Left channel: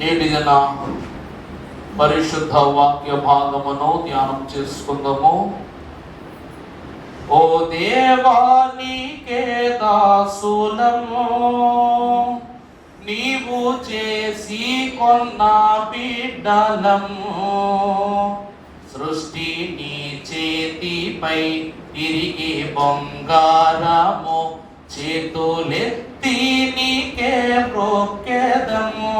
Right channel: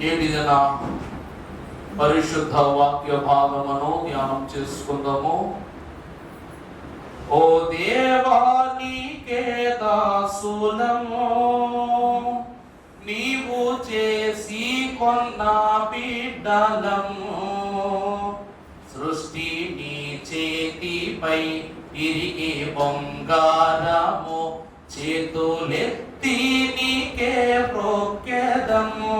నేటి దిన పరిశుద్ధ వాక్య భాగమును ధ్యానం చేసుకుందాము. ఓ దేవా నీకే దాసులము, నీవు చేసి కొన్న బిడ్డలము. సృష్టి నీ చేతిపై తిరిగి బంగారము, చేతులెత్తి నీకే మొక్కెదము.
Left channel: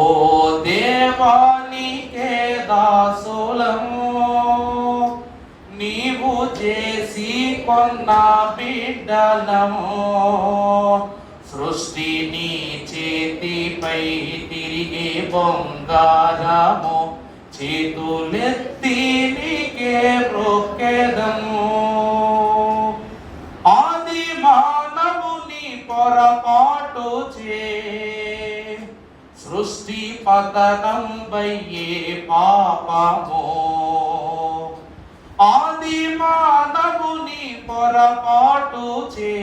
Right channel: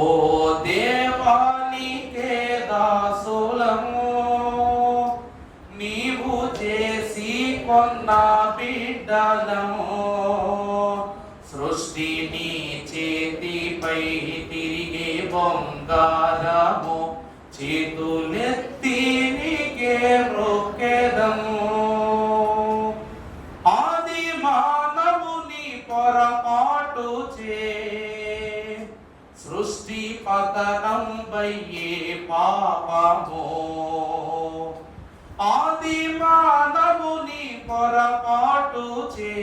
ఓ దేవా నీకే దాసులము, నీవు చేసి కొన్న బిడ్డలము. సృష్టి నీ చేతిపై తిరిగి బంగారము, చేతులెత్తి నీకే మొక్కెదము. ఆది మానవుని పొరపాటు చే సృష్టి పతనం వయ్యే పాపము. ఆది మానవుని పొరపాటు చే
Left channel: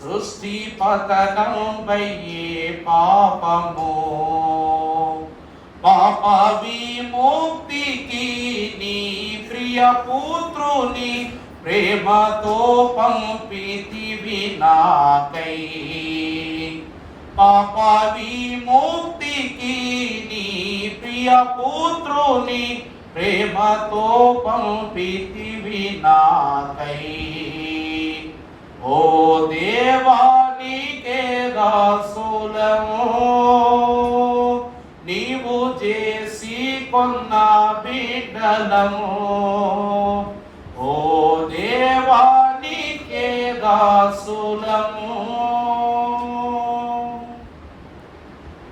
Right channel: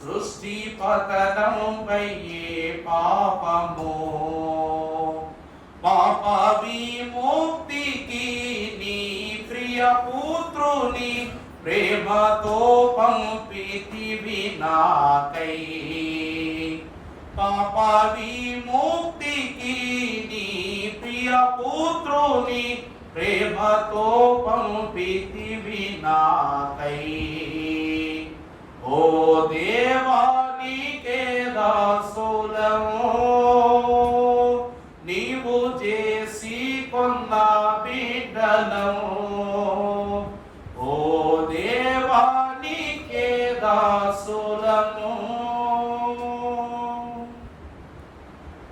సృష్టి పతనం వయ్యే పాపము. పాప విముక్తికి నీ ప్రియ పుత్రుని ప్రేమతో పంపితివి నాకై. పాప విముక్తికి నీ ప్రియ పుత్రుని ప్రేమతో పంపితివి నాకై. ఓ దేవా నీకే దాసులము, నీవు చేసి కొన్న బిడ్డలము. ఓ దేవా నీకే దాసులము.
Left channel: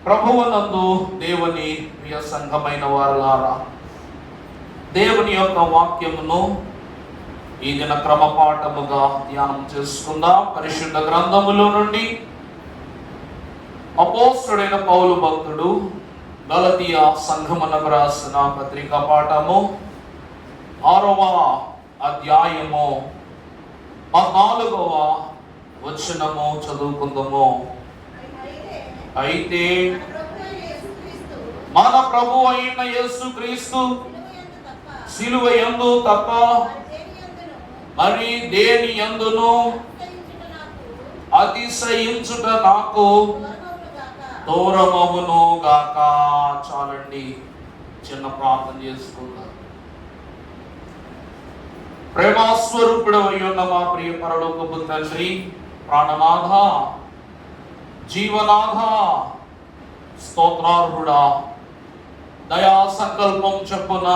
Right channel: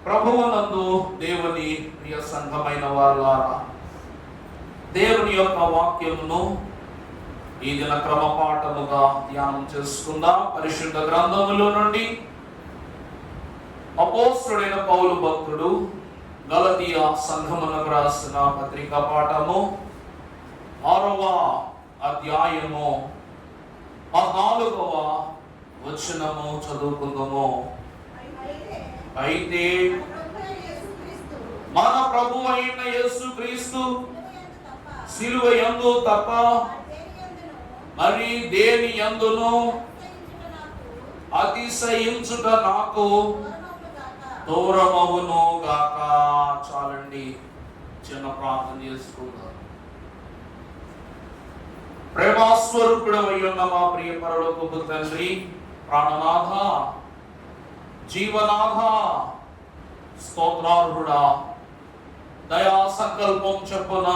ప్రభువునందు దేవుని ప్రియ సంఘమైన వారలారా, దేవుని యొక్క వాక్యమును ఈ దిన క్రమపాఠముగా ధ్యానం చేసుకుందాం. పరిశుద్ధ గ్రంథములో నుండి అపోస్తలుడైన పౌలు భక్తుడు గలతీయ సంఘమునకు రాసిన పత్రిక పాఠము 6వ అధ్యాయము 14వ వచనము చదువుకుందాము. అయితే మన ప్రభు అయిన యేసుక్రీస్తు సిలువ యందు తప్ప మరి దేని యందును అతిశయించుట నాకు దూరమవును గాక. చాలండి, చిన్న ప్రార్థన చేసుకుందాం. ప్రేమాస్వరూపుడు అయ్యున్న మా ప్రియ పరలోకపు తండ్రి, ప్రాణనాథ, జీవనాథ, స్తోత్రార్హుడా, దయా సంకల్పం చెప్పున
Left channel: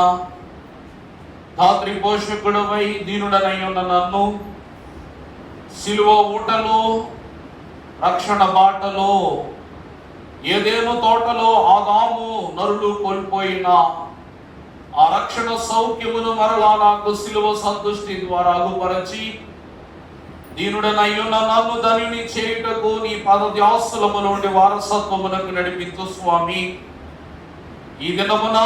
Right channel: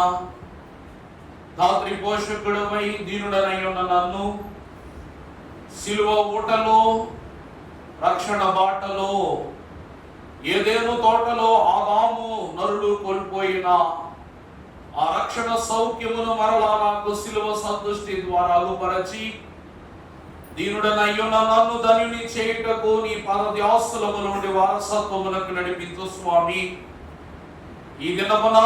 ధాత్రి పోషకుడవై దీనుడనయ్యున్న నన్ను సిలువ ఊటలో, రక్షణ బాటలో, ఏదేను తోటలో ఆదాము నరులు కోల్పోయిన ఆ రక్షణ సౌఖ్యమును మరలా నాకు సిలువ సంతుష్టి ద్వారా అగుపరచి దీనుడనయ్యున్న నన్ను ధనిని చేయుటకు నీ పదధ్యాసలము నుండి వారసత్వమునకు నడిపించు స్వామి. ఈ దినమున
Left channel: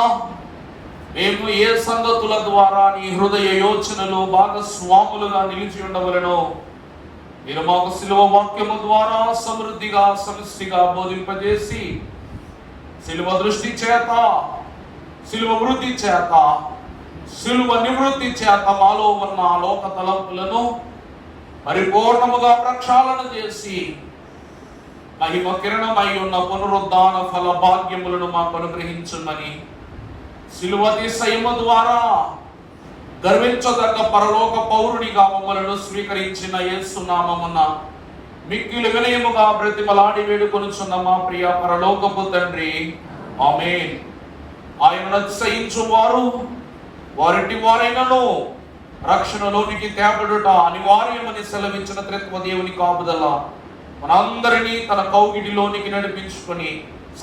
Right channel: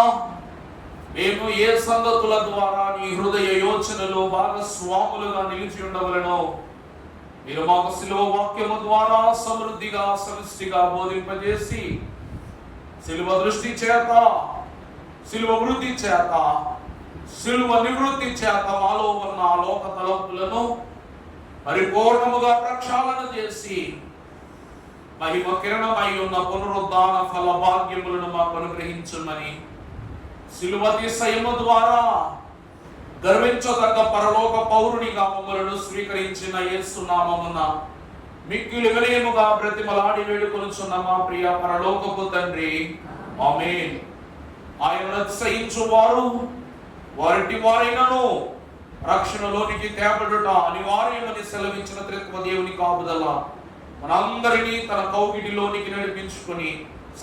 మేము ఏ సంగతుల ద్వారా నీ హృదయ యోచనలో భాగస్వాములుగా నిలిచి ఉండవలెనో మీరు మాకు సిలువ వాక్యము ద్వారా సమృద్ధిగా సమిష్టిగా బోధింపజేసి సిలువ దృష్టి చేత, సిలువ వృద్ధి చేత, సిలువ నివృత్తి చేత మాలో ఉన్న లోక తలంపులను పరిపూర్ణముగా ప్రక్షాళన చేసి మహిమ కిరణమై ఉన్న పునరుద్ధాన ఫల భాగ్యములను మాకు అనుగ్రహించుమని సిలువ అతిశయము ద్వారా గర్వించదగ్గ పరలోక పౌరునిగా మమ్మలను స్వీకరించిన యేసు నామమున మిక్కిలి వినయముగా బ్రతిమలాడి వేడుకొనుచున్న మా ప్రియ పరలోకపు తండ్రి, ఆమేన్. ఆయనను అతిశయించు వారు వారింటి వారైనను రక్షణలోనికి తేబడుట అనివార్యమని సెలవించిన త్రిత్వ దేవుని కాపుదల మనందరినీ తన కౌగిటిలోనికి నడిపించుకొని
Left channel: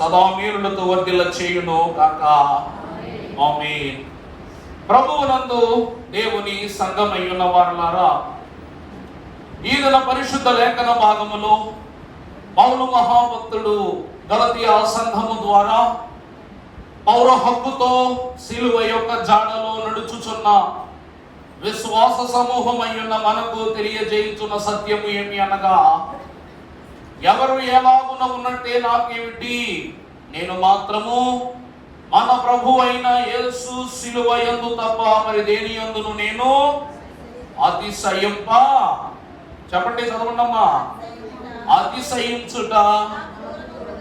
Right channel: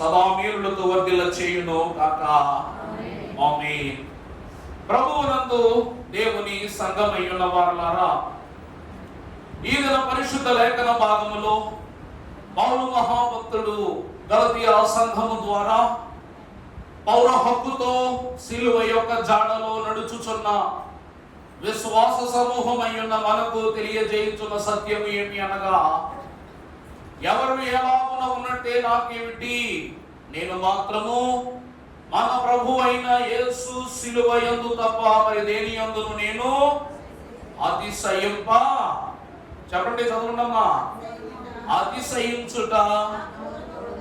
సదా మేలులతో వర్ధిల్ల చేయును గాక. ఆమేన్. ప్రభువునందు దేవుని సంఘమయ్యున్న వారలారా, ఈ దిన పరిశుద్ధ లేఖన భాగములో పౌలు మహాభక్తుడు గలతీయ సంఘము ద్వారా పౌర హక్కుతో సిలువ యొక్క జాడలో నడుచుచున్న విశ్వాస సమూహమయ్యున్న మనకు తెలియజేయుచున్న సత్యము ఏమి అనగా, ఎవరు ఎలాగున ఉన్నట్టే నాకేమిటి, నేను మాత్రము మన ప్రభు అయిన యేసు సిలువ యందు తప్ప మరి దేని యందును నేను అతిశయింప, చెప్పండి చదవండమ్మా, అతిశయించుట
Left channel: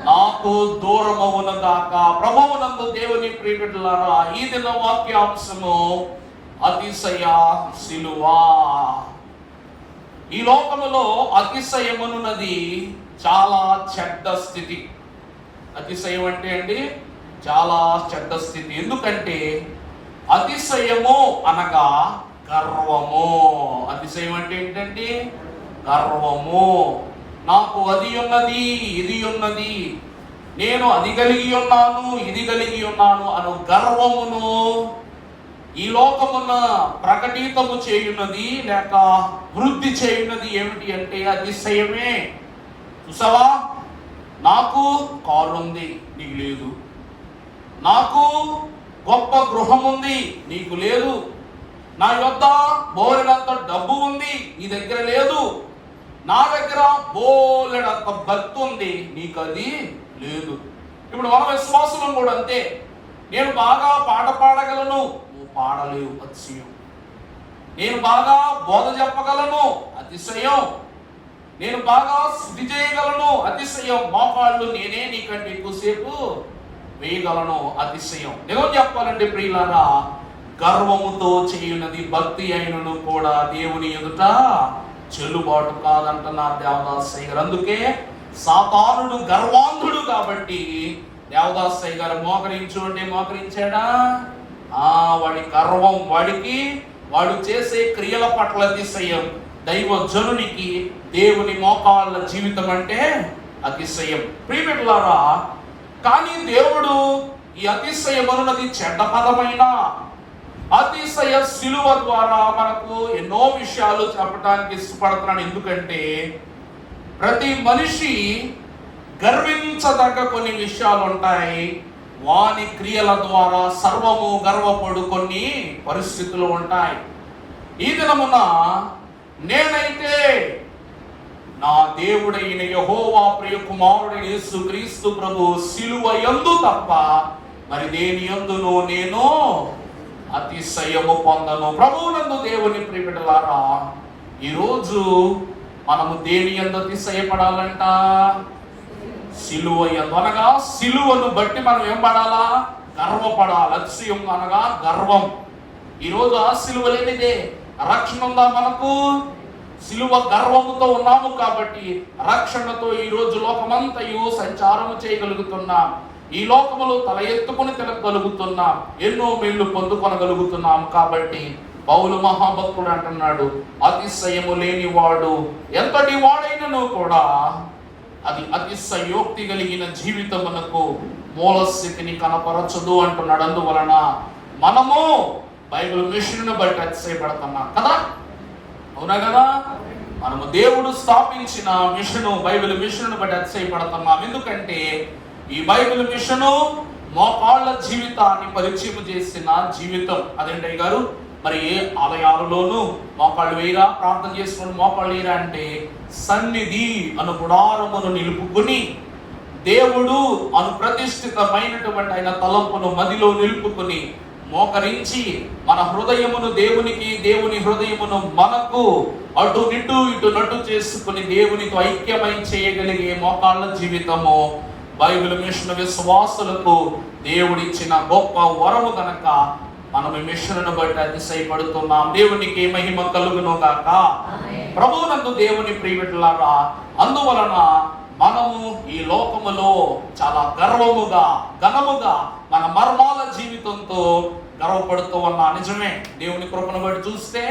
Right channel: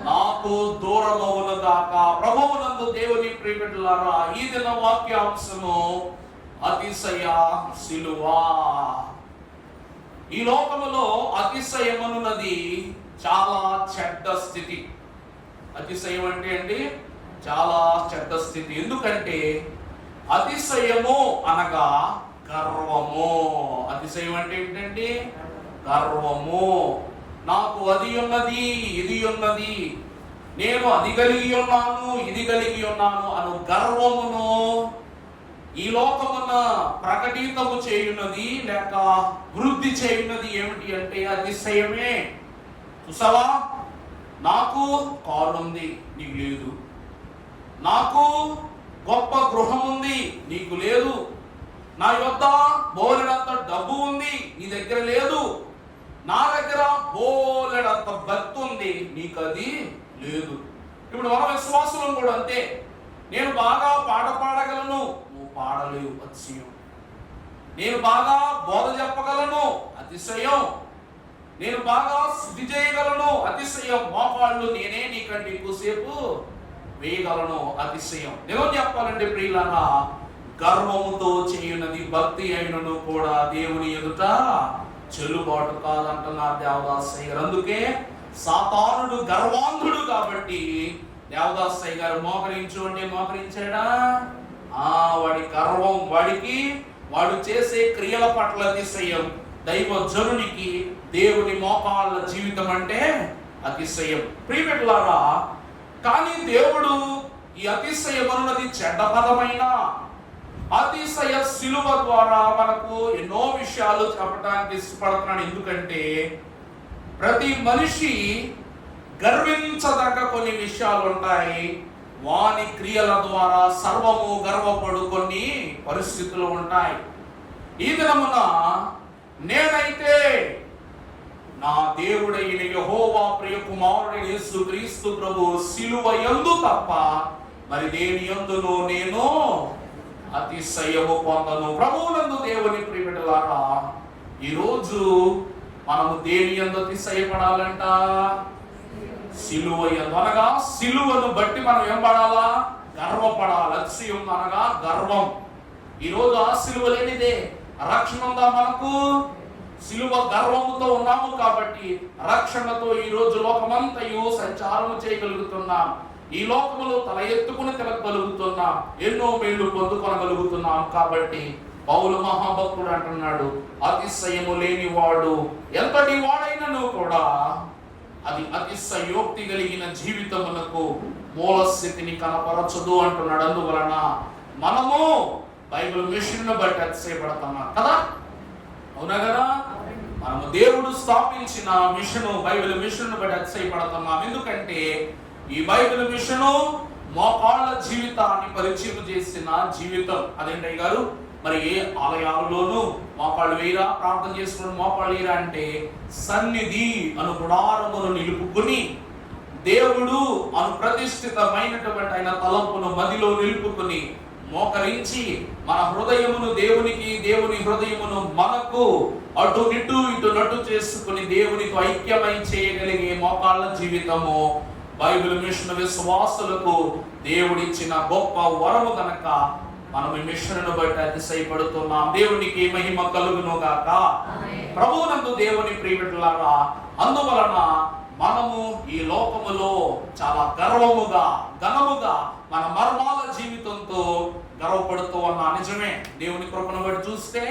నాకు దూరమవునగాక. ప్రభువునందు దేవుని ప్రియబిడ్డలారా, ఈ దిన వాక్యాంశము అతిశయ సిలువ. ఈ లోకములో అతిశయమునున్నది చాలా చెడ్డ స్థితి. అతిశయం అంటే అండి చాలా చెడ్డ స్థితి. ఎందుకంటే అతిశయము అనగా గర్వము. అతిశయం అంటే ఏంటండి? గర్వము. నాకు అది ఉన్నది, ఇది ఉన్నది, నేను అది కలిగి ఉన్నాను, ఇది కలిగి ఉన్నాను అను గర్వమును ఈ లోకమున ప్రకటితము చేయున్నది లేక వృద్ధి చేయున్నది ఏమిటి అంటే అతిశయమే. చూసావా, నాకు కారు ఉంది, నీకు లేదు. నాకు గొప్ప గృహం ఉంది, నీకు లేదు. నా యొద్ద బోలెడంత డబ్బు ఉంది, నీ దగ్గర లేదు. నా దగ్గర బోలెడంత భక్తి ఉంది, నీకు అది లేదు. ఇప్పుడు మన విశ్వాసం కూడా అంతే. నేను బాగా పాట పాడగలను, నువ్వు పాడలేవు, అతిశయం. నేను బాగా బోధ చెప్పగలను, అతిశయం. నేను బాగా శుద్ధి చేయగలను, అతిశయం. మోకాళ్ళు నేనే నీకంటే ఎక్కువసేపు వేయగలను, అతిశయం. నిజం చెప్పాలంటే ప్రియులారా, గర్వముతో చేయున్నది భక్తి అయినను కూడా దేవుని ఎదుట చెల్లుబాటు కాదంటున్నారు దేవదాసయ్య గారు. అందుకే సాతానుడు గర్వాంధుడు కాబట్టి దేవదాసయ్య గారు మోకరించు అంటే మోకరించాడా? వాడి గర్వం, వాడు చేసే క్రియల పట్ల అతిశయం. దైవ జనునికి దేవుని మోకాళ్ళ జీవితం అంటే అతిశయం. ప్రియమిత్రులారా, కానీ దేవుడు ఈ అతిశయం అన్నది చెడ్డ పదమైన అతిశయ సిలువ ద్వారా మనకు ఎన్నో విషయాలు చెప్పడానికి ఇష్టపడుతున్నాడు. ఎందుకంటే ప్రతి మనిషి గర్వించదగ్గ కొన్ని విషయాలు ఉంటాయి. వాని క్రియల ద్వారా సర్వము గర్వపడు కొన్ని పరిస్థితులు ఉంటాయి. ఈ దినమున నేనైతే నా దేవుడైన యెహోవా ప్రియ కుమారుడైన యేసు క్రీస్తు ప్రభు సిలువ యందు తప్ప మరి దేని యందును నేను అతిశయము పొందను. ప్రభువునందు దేవుని ప్రియబిడ్డలారా, ఈరోజు మనము దేని యందు అతిశయపడాలంట? సిలువ యందు. అనగా సిలువను బట్టి మనం ఏం పడాలా? గర్వపడాలి. అతిశయం అనగా గర్వం. ఈరోజు ఆ సిలువ లేనిదే రక్షణ ఉందా మనకు? సిలువ గర్వముతో ఉన్నాము కాబట్టి రక్షణతో ఈ రోజు లోకమంతయు సంచారము చేయగలుగుతున్నాం. ఈ లోకములో తల ఎత్తుకుని తిరగలుగుతున్నాం, ఎన్నో మేళ్లు పొందుకొనగలుగుతున్నాం. కాబట్టి పౌలు మహాభక్తుడు అంటున్నాడు, అతిశయము లేని వాడు ఎంతటి వాడైనను కూడా అది అతిశయోక్తి కలిగిన జీవితమునకు మూలస్థితిని కనపరచదు అంటున్నాడు. అందువలన మనము బైబిల్ మిషన్ బట్టి అతిశయపడుతున్నాం కదా, అవునా కదా? మనము దేవుడు స్థాపించిన మిషను, బైబిల్ మిషన్ బట్టి అతిశయపడుతున్నాం. ఎందుకంటే ఈ బైబిల్ మిషను మోకాళ్ళ జీవితాన్ని పరిచయం చేసిన జీవితం. అదేంటయ్య గారు, మరి ఏ ఆలయాలలోనూ మోకాళ్ళు వేయరా, ప్రార్థన చేసుకుని మోకాళ్ళు వేయరా అంటే సన్నిధి అను గుడారమును నిలుపుకుని దేవుడు అను ప్రతిష్ఠితమైనటువంటి ఆయన తలంపును మదిలో నిలుపుకుని మోకరించి మన హృదయమును దేవునికి, దేవుని హృదయమును మనకు అటు నిటు ఇటు నటు చేసుకుని దేవునితో ఐక్యమై చేయగలిగే మోకాళ్ళ జీవితము బైబిల్ మిషన్ విశ్వాసులకు దేవుడిచ్చిన గొప్ప వరము గనక మనం ఈ మిషన్ను బట్టి అతిశయపడుతున్నాం. దేవునికి మహిమ కలుగును గాక. ప్రభువునందు దేవుని ప్రియబిడ్డలారా, అందువలన మనము ఈ లోకములో చాలా గర్వముగా, ఘనముగా మన మర్మాల జీవితంతో గర్వపడుతూ ఉన్నా. నిజమే, దేవుని కృపను బట్టి చూస్తే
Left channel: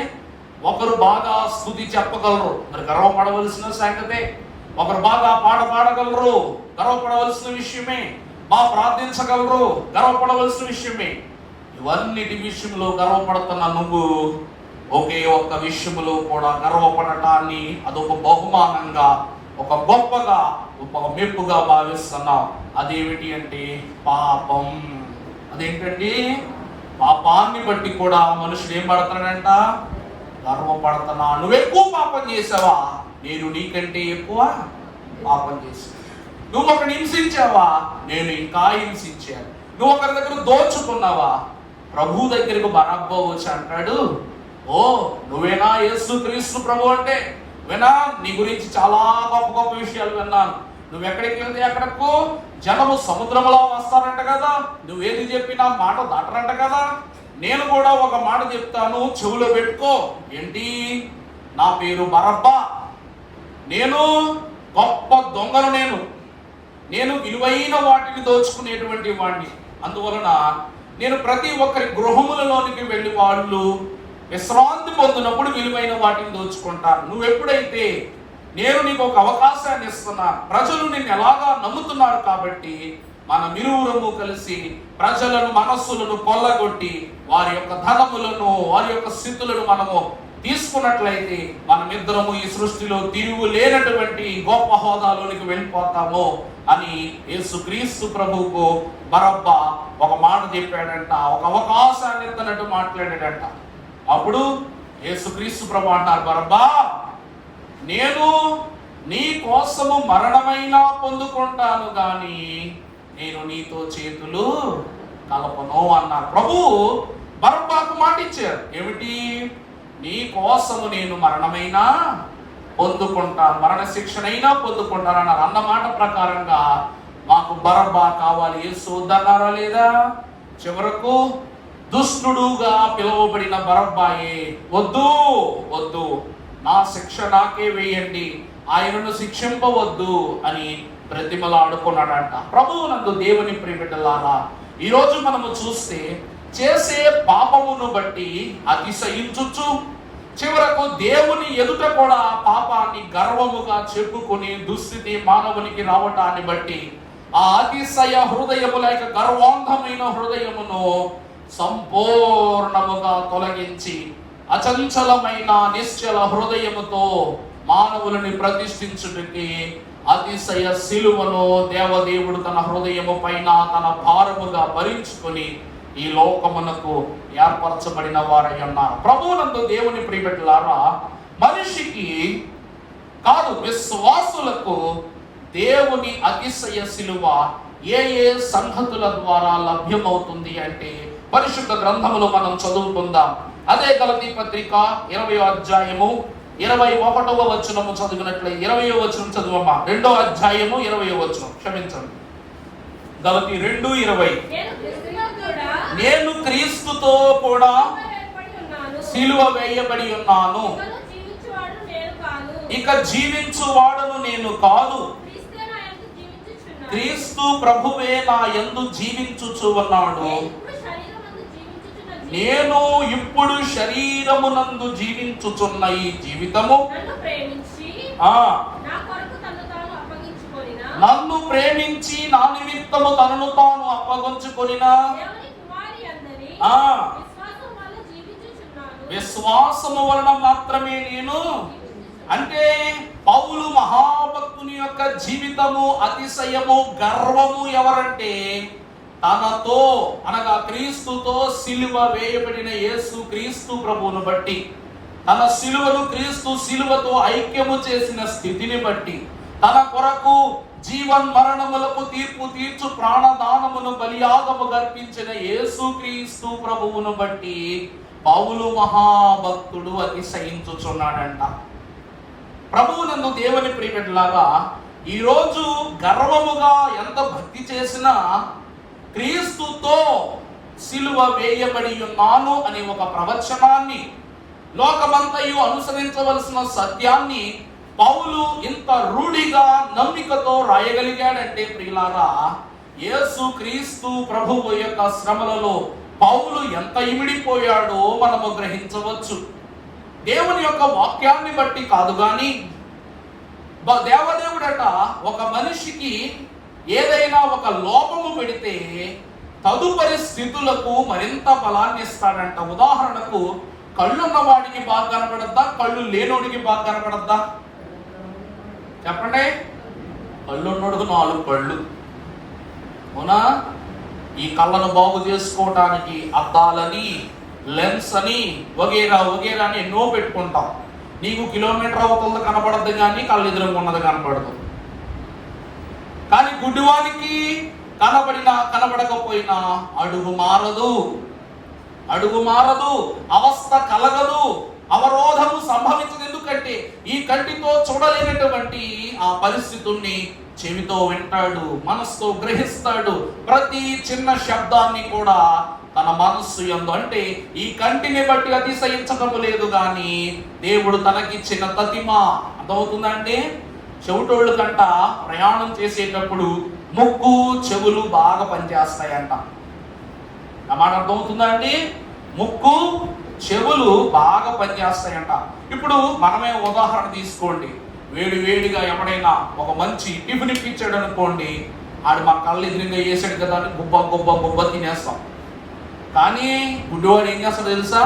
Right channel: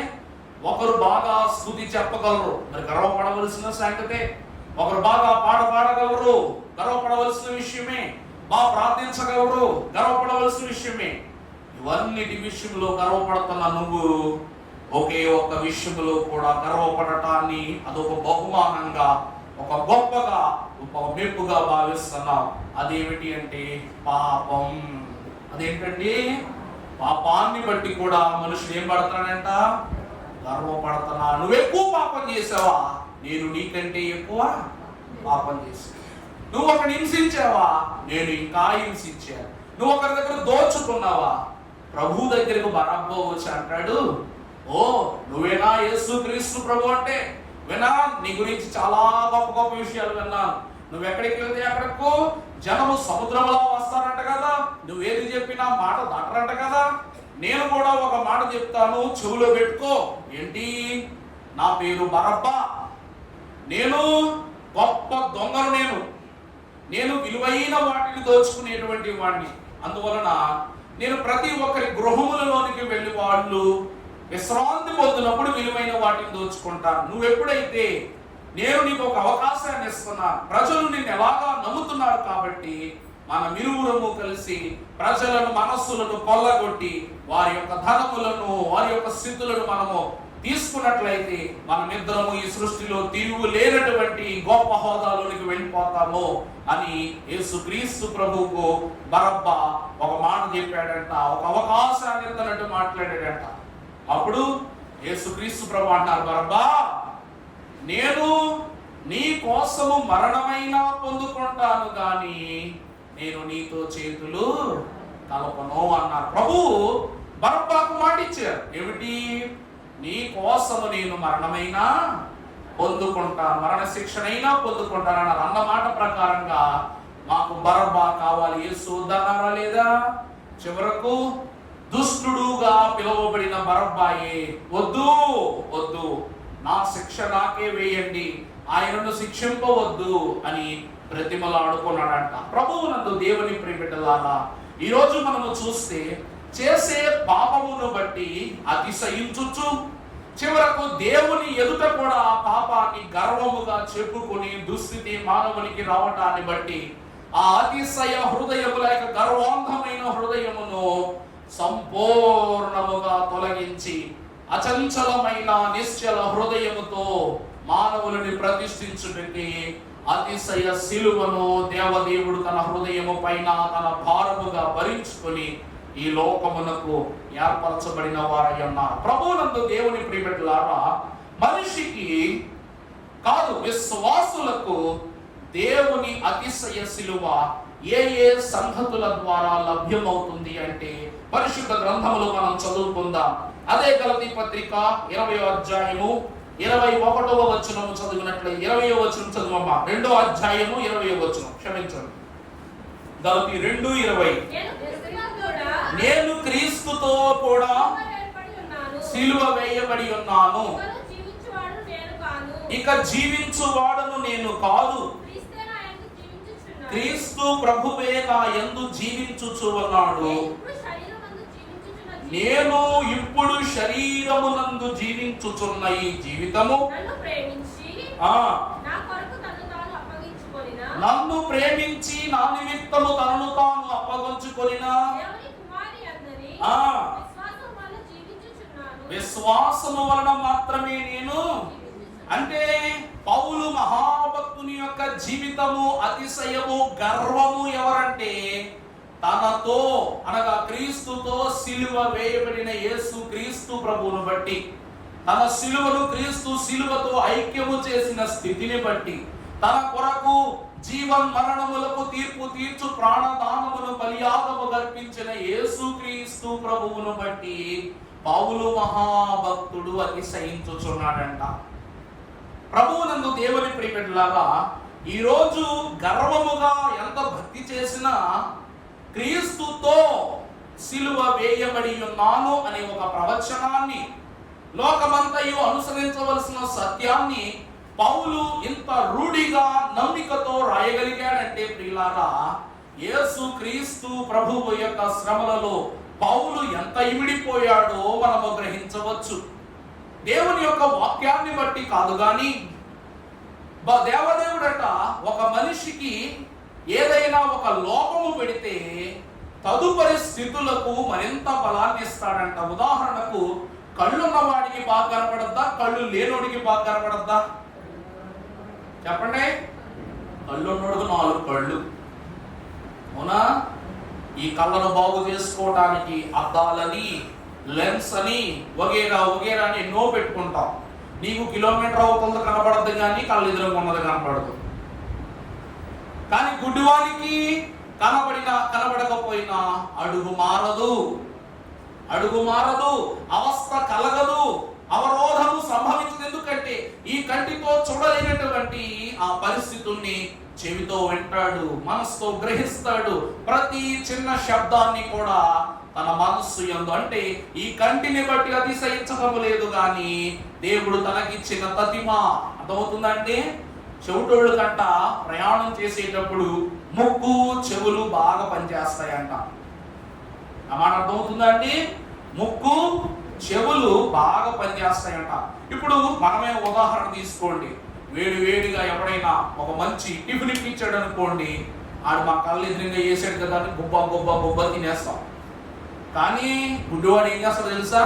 ఒకరు బాగా స్తుతి చెప్పగలరు, మరి గర్వపడవలసిన సంగతే. ఒకరు బాగా పాట పాడగలరు, గర్వపడవలసిన విషయమే. బాగా ప్రార్థించగలరు, గర్వపడవలసిన విషయమే. ఇవన్నిటి విషయంలో గర్వపడుతున్న నువ్వు ఒకే ఒక్క విషయంలో కూడా గర్వపడటాన్ని అదొక బహుమానంగా, ఒక గొప్పగా, ఒక మెప్పుగా భావిస్తున్నావు. అదేమిటి అంటే పాపం. అదేంటండి? పాపాన్ని బట్టి కూడా మనుషుడు ఏం పడతాడంట? గర్వపడుతున్నా. నువ్వు ఎక్కువ పాపం చేసావా, నేను నీకంటే ఎక్కువ పాపం చేసి. నువ్వు ఒకరిని హింసించావా? నేను ఇంకా హింసించాను. నువ్వు ఒకరి దగ్గర దోచుకున్నావా? ప్రభు దగ్గరకు బరబ్బా వచ్చి అంటాడు, ఓ నువ్వేనా యేసు క్రీస్తు ప్రభు అంటే? వినా, నీ గురించి చాలా గొప్ప గొప్ప విషయాలు విన్నాను. నువ్వు ఎక్కడికి వెళ్తే అక్కడకు జనము సముద్రంలో వస్తారంట కదా, నువ్వేది చెప్పినా మాట దాటరంట కదా. నేను కూడా ఒక మాట చెప్తాను, చెవులో పెట్టుకో. ఏంటి? నా పేరు బరబ్బా. నేను గొప్ప దొంగను. నేను విలువైన వాటిని దోచుకునేటువంటి వాడిని. అందువలన నేను ప్రతి ఒక్కరి గృహములలోనికి వెళ్ళి వాళ్ళు విశ్రాంతి పొందినప్పుడు విలువైన వాటిని దోచుకుంటాను. నువ్వెప్పుడైతే నేను నీకు ఒక అవకాశాన్ని ఇస్తున్నా, ప్రజలు నిన్ను ఎలాగా నమ్ముతున్నారు కాబట్టి మనమిరువురము కలిసి ప్రజలను మనస్సులను కొల్లగొట్టి వారి యొక్క ధనములను వారి యొక్క స్థితులను మనము తీసుకున్నట్లయితే మనమిద్దరము ఈ సృష్టిలో తిరుగు లేనటువంటి గొప్ప హోదాలోనికి వెళ్ళిపోతాము అని యేసుక్రీస్తు ప్రభువుకు బరబ్బా ఒక మాట చెప్పాడంట. ఒక అవకాశాన్ని ఇస్తున్నట్టు మాట్లాడాడంట. అప్పుడు యేసుక్రీస్తు ప్రభు అంటారు, బరబ్బా, నేను నీ కోసము మరణమైనా పొందుకుంటాను గాని నేను నీతో చేతులు కలపను అన్నారు. ప్రభు బరబ్బాకు మాట ఇచ్చారు. ఏమిటి? నీ కోసము నేను మరణమైనా పొందుకుంటాను, మరణ శిక్షనైనా పొందుకుంటానన్నారు. అన్న మాట ప్రకారంగా మాకు బరబ్బా కావాలి. యేసు వద్దన్నారా లేదా? చివరకు దుష్టుడుగా పిలువబడిన బరబ్బాయే, వద్దు వద్దు, నా శిక్ష నాకే వేయండి, ఆయనను శిక్షింపవద్దు అని బ్రతిమలాడుకున్నాడంట. ప్రభువునందు దేవుని ప్రియబిడ్డలారా, ఈరోజు మనము చూస్తే చేసే పాపమును బట్టి అతిశయించుచు చివరకు దేవుని ఎదుట కూడా పాపాన్ని గర్వముగా చెప్పుకొని దుస్థితి మానవునికి రావటాన్ని బట్టి ఆ అతిశయ హృదయము లేక గర్వాంధమైన హృదయమును సంపూర్ణముగా తొలగించి అచంచలమైన నిశ్చల హృదయముతో మానవులని ప్రతిష్ఠించుటకి అతిశయ శిలువను దేవదేవుడు తన హృదయము పైన తన భారముగా భరించుకొని ఈ లోకమునకు ఏర్పరచబడిన వారై ఉన్నారు. ప్రభువునందు దేవుని ప్రియబిడ్డలారా, మనిషికి కాదు విశ్వాసులకు దేవుని అతిశయ శిలువ ఏ ఏ సంగతుల ద్వారా లభ్యమవుతుంది అంటే పరిశుద్ధ గ్రంథములో మనం చదువుకుందాం. అదే గలతీ పత్రిక 20వ అధ్యాయము 21వ వచనము చదివినట్లయితే 20వ వచనం చదువమ్మా. 2వ అధ్యాయము 20వ వచనం, క్షమించండి, గలతీ 2:20. నేను క్రీస్తుతో కూడా సిలువ వేయబడి ఉన్నాను, ఇక జీవించువాడును నేను కాదు, క్రీస్తు ప్రభువే నా యందు జీవించుచు ఉన్నాడు. నేను ఇప్పుడు శరీరమునందు జీవించుచున్న ఈ జీవితము నన్ను ప్రేమించి నా నిమిత్తము తనను తాను అప్పగించుకొనిన విశ్వాసము వలన మాత్రమే నేను. అంటే పౌలు మహాభక్తుని యొక్క జీవితము అతిశయము గర్వము ఎవరంటే తనతో అనగా క్రీస్తుతో సిలువ వేయబడిన యేసు క్రీస్తు ప్రభువును బట్టి, తన సిలువను క్రీస్తు సిలువతో ఐక్యము చేసిన స్థితిని బట్టి, తన కొరకు జీవన్ మరణములకు తీర్పు తీర్చు ప్రాణదానమును బలియాగము గర్పించిన యేసు క్రీస్తు ప్రభువును బట్టి పౌలు మహాభక్తుడు అతిశయించుచున్నాడంట. ప్రభువునందు దేవుని ప్రియబిడ్డలారా, ఈరోజు గర్వముగా ఎంత భక్తి చేసినా క్రీస్తుతో సిలువ వేయబడి ఉన్నాను అనే ఒక ప్రవచనాన్ని, లోకమంతయు అనుసరించవలసిన సత్యాన్ని పౌలు ఇంత రూఢిగా నమ్మికతో రాయగలిగాడంటే ప్రియులారా, యేసు క్రీస్తు ప్రభువు యొక్క శ్రమలలో పౌలు ఎంత ఇమిడిపోయాడో మనము గ్రహించవచ్చు. దేవుని యొక్క వాక్యాన్ని బట్టి కాదు గాని దేవదేవుడట ఒక మనిషికి ఏదైనా ఒక లోపము పెడితే తదుపరి స్థితులకు మరింత బలాన్ని ఇస్తాడంట. ఉదాహరణకు కళ్ళున్న వాడికి బాగా కనపడద్దా, కళ్ళు లేనోడికి బాగా కనపడద్దా? చెప్పండి. కళ్ళున్నోడుకు 4 కళ్ళు, అవునా? ఈ కళ్ళను బాగు చేసుకోవటానికి అద్దాలని, లెన్స్ అని, వగేరా వగేరా అని ఎన్నో పెట్టుకుంటాం. నీకు కిలోమీటర్ అవుతుంది కనపడద్దు కానీ కళ్ళు ఎదురుగా ఉన్నది కనపడదు. కానీ గుడ్డివానికి కనబడినా కనబడకపోయినా అడుగు మారదు, అవస్థ కలగదు, అవరోధము సంభవించదు. ఎందుకంటే ఈ కంటితో చూడలేనటువంటి ఆ పరిస్థితుల్ని చెవితో వింటాడు, మనసుతో గ్రహిస్తాడు. ప్రతి చిన్న శబ్దాన్ని కూడా తన మనస్సు యందు, అంటే ఈ కంటిని బట్టి అతిశయించటము లేదు కానీ దేవుడు తనకిచ్చిన తతిమ. అర్థమవుతుందండి? చెవిటోళ్ళు కంట ప్రయాణం చేసేటప్పుడు ముక్కు చెవులు బాగా పనిచేస్తాయంట. మాట అర్థమవుతుందా అండి? ముక్కు చెవులు బాగా పనిచేస్తాయంట. ఇప్పుడు మనమే ఉదాహరణ తీసుకోండి. వేడిగా ఎవడైనా ఒక మంచి టిఫిన్ ఇప్పించాడు అనుకోండి, ఆడు మా కళ్ళు ఎదురుగా వేసాడు కదా అని గుబ్బ తినేస్తాం. కానీ గుడ్డివాడు ఏం చేస్తాడు తెలుసా?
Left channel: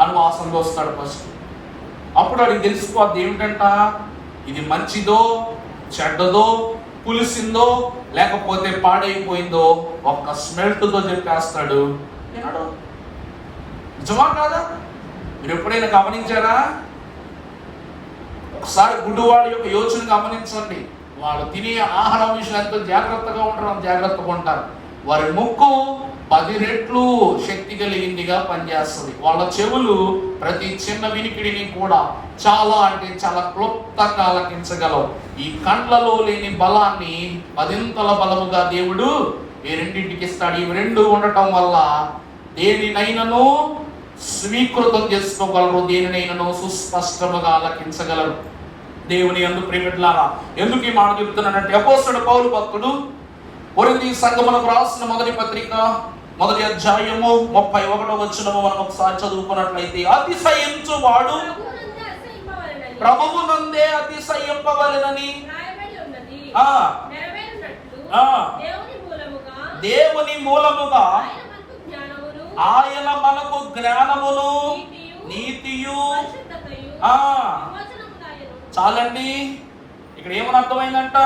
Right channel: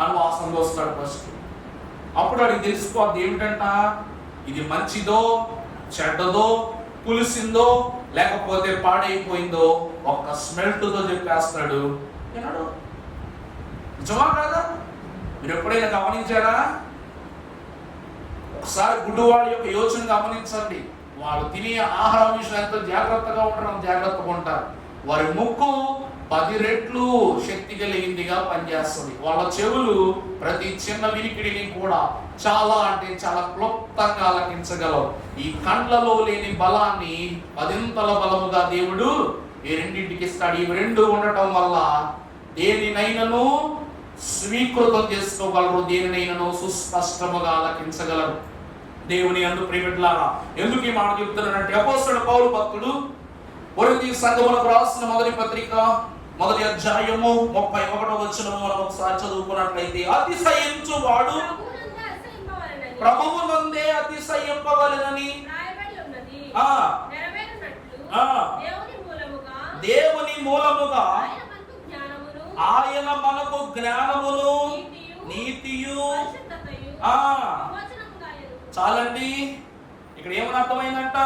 అని వాసనలో వస్తాడు ఫస్ట్. అప్పుడు వాడికి తెలిసిపోద్ది ఏమిటంట, ఇది మంచిదో చెడ్డదో, పులిసిందో లేకపోతే పాడైపోయిందో ఒక్క స్మెల్ట్తో చెప్పేస్తాడు. విన్నాడు. నిజమా కాదా? మీరు ఎప్పుడైనా గమనించారా? ఒకసారి గుడ్డివాడి యొక్క యోచన గమనించండి. వాళ్ళు తినే ఆహారం విషయం ఎంతో జాగ్రత్తగా ఉంటారు. వారి ముక్కు 10 రెట్లు శక్తి కలిగిందిగా పనిచేస్తుంది. వాళ్ళ చెవులు ప్రతి చిన్న వినికిడిని కూడా చాలా క్లుప్తంగా ఆలకించగలవు. ఈ కండ్లలో లేని బలాన్ని 10ంతల బలముగా దేవుడు ఈ రెండింటికి ఇస్తాడు. ఇవి రెండు ఉండటం వల్ల దేనినైనను స్వీకృతం చేసుకోగలరు, దేనినైనను సుస్పష్టముగా ఆలకించగలరు. దేవుని యందు ప్రియమిట్లారా, ఎందుకు ఈ మాట చెప్తున్నానంటే, అపోస్తలుడు పౌలు భక్తుడు కొరింథీ సంఘములకు రాసిన మొదటి పత్రిక 1వ అధ్యాయము 31వ వచనము మనం ఒకసారి చదువుకున్నట్లయితే, అతిశయించువాడు ప్రభువునందే అతిశయింపవలెనని దేవుని మూలముగా ఆయన మనకు జ్ఞానమును నీతియు. చాలండి. ఇక్కడ ఏమని అర్థమైందంట,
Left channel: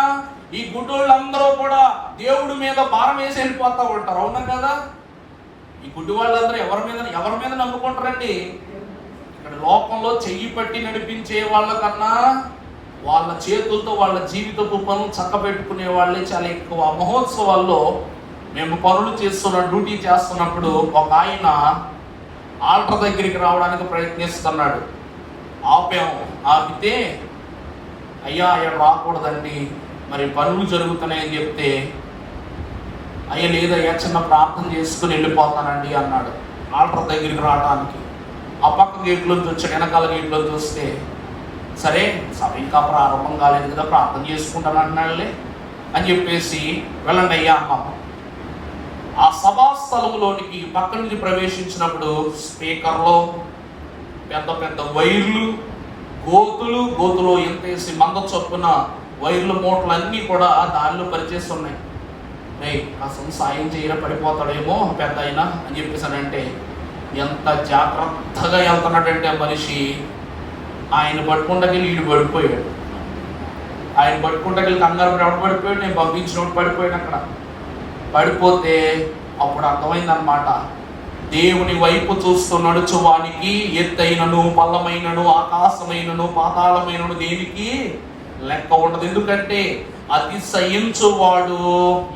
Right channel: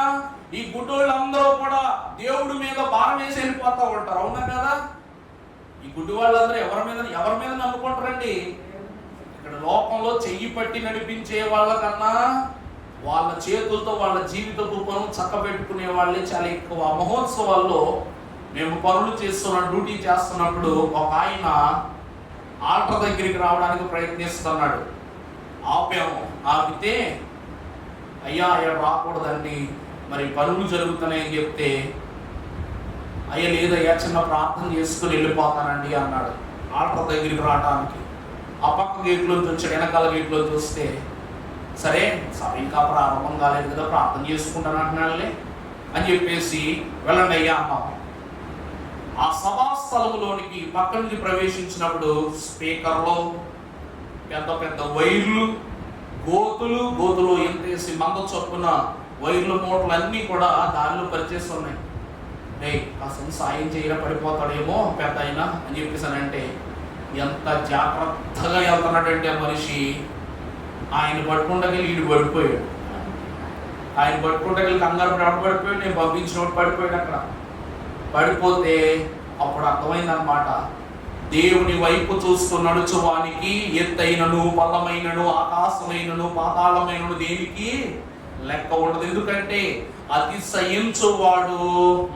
ఈ గుడ్డోళ్ళందరూ కూడా దేవుడి మీద భారం వేసి వెళ్ళిపోతా ఉంటారు. అవునా కదా? ఈ గుడ్డి వాళ్ళందరూ ఎవరి మీద నమ్ముకుంటారండి? ఇక్కడ లోకంలో చెయ్యి పట్టి నడిపించే వాళ్ళకన్నా వాళ్ళ చేతులతో వాళ్ళ జీవితపు పనులు చక్కబెట్టుకునే వాళ్ళే చాలా ఎక్కువ. మహోత్సవాల్లో మేము పనులు డ్యూటీ చేస్తున్నప్పుడు ఒక ఆయన ఆల్టర్ దగ్గరికి రావడానికి ప్రయత్నిస్తున్నాడు. ఆపితే, అయ్యా అయ్యా రాకూడదండి, మరి పనులు జరుగుతున్నాయని చెప్తే, అయ్యా లేదయ్యా చిన్న ప్రార్థన చేసుకుని వెళ్ళిపోతానండి అన్నాడు. ఆల్టర్ దగ్గరికి రావడానికి ఆ పక్క గేట్లోంచి వచ్చాడు. వెనకాల గేట్లో చూస్తే, సరే సభ ఇంకా ప్రారంభం కాలేదు కదా, ప్రార్థన చేసుకుంటాను అంటున్నాడులే అని చెప్పేసి వెళ్ళండి అయ్యా అన్నాం. ఆ సభా స్థలములోనికి పక్క నుంచి ప్రవేశించినప్పుడు స్పీకర్లో పెద్ద వైర్లు, గోతులో ఎంతేసి మంద చొప్పున వైర్లు మూటలు అన్నీ కూడా దారిలో పరిచేస్తున్నాయి. అసలు సాయం చేయరా పడిపోతాడేమో పెద్ద అయినా అని చెప్పేసానంటే, ఎంత జాగ్రత్తగా వెళ్తున్నాడంటే మనిషి, ఆయన పట్టుకుంటకెళ్ళి వీడు పడిపోయాడు. ఆయన పట్టుకుంటకెళ్ళి కంగారు ఎవడు పడిపోయాడు, నేను పంపించినప్పుడు పడిపోయాడు. అక్కడ పడిపోతే అప్పుడు అర్థమైందనమాట, దేవుని వైపు చూస్తూ నడుచువానికి ఎత్తైనను పల్లమైనను ఆకాశమైనను పాతాళమైనను దేనికి లెక్క ఉండదు. ఎందుకంటే అతిశయించువాడు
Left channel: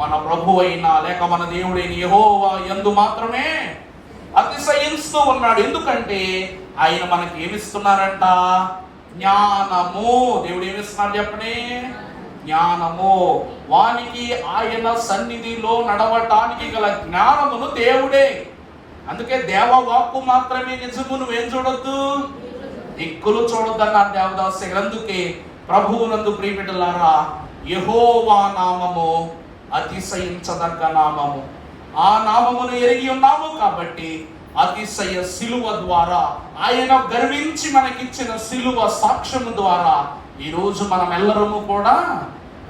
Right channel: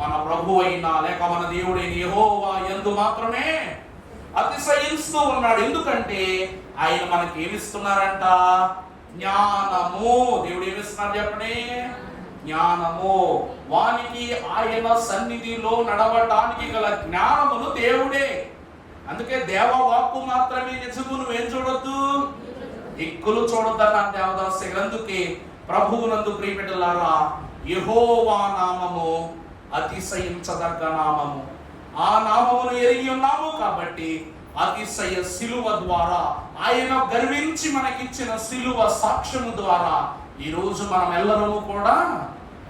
మన ప్రభు అయినా లేక మన దేవుడైన యెహోవా యందు మాత్రమే అతిశయిస్తూ ఉన్నాడు. ఎందుకంటే ఆయన మనకి ఏమిస్తున్నారంట? జ్ఞానము. దేవుడు ఏమిస్తున్నారు చెప్పండి? జ్ఞానము. వానికి ఆయన సన్నిధిలో నడవటానికి గల జ్ఞానమును దేవుడే. అందుకే దేవవాక్కు మాత్రమే నిజము, నువ్వేం చూడొద్దు, దిక్కులు చూడొద్దు అన్నారు దేవదాసు. అందుకే ప్రభువునందు ప్రియబిడ్డలారా, యెహోవా నామము అతిశయించదగ్గ నామము. ఆ నామమును ఎరిగి ఉన్నాము కాబట్టి అతిశయ సిలువ ద్వారా, ఆయన గర్వించి మనకిచ్చిన సిలువ సాక్ష్యము ద్వారా ఈరోజు మనం ఎల్లరము కూడా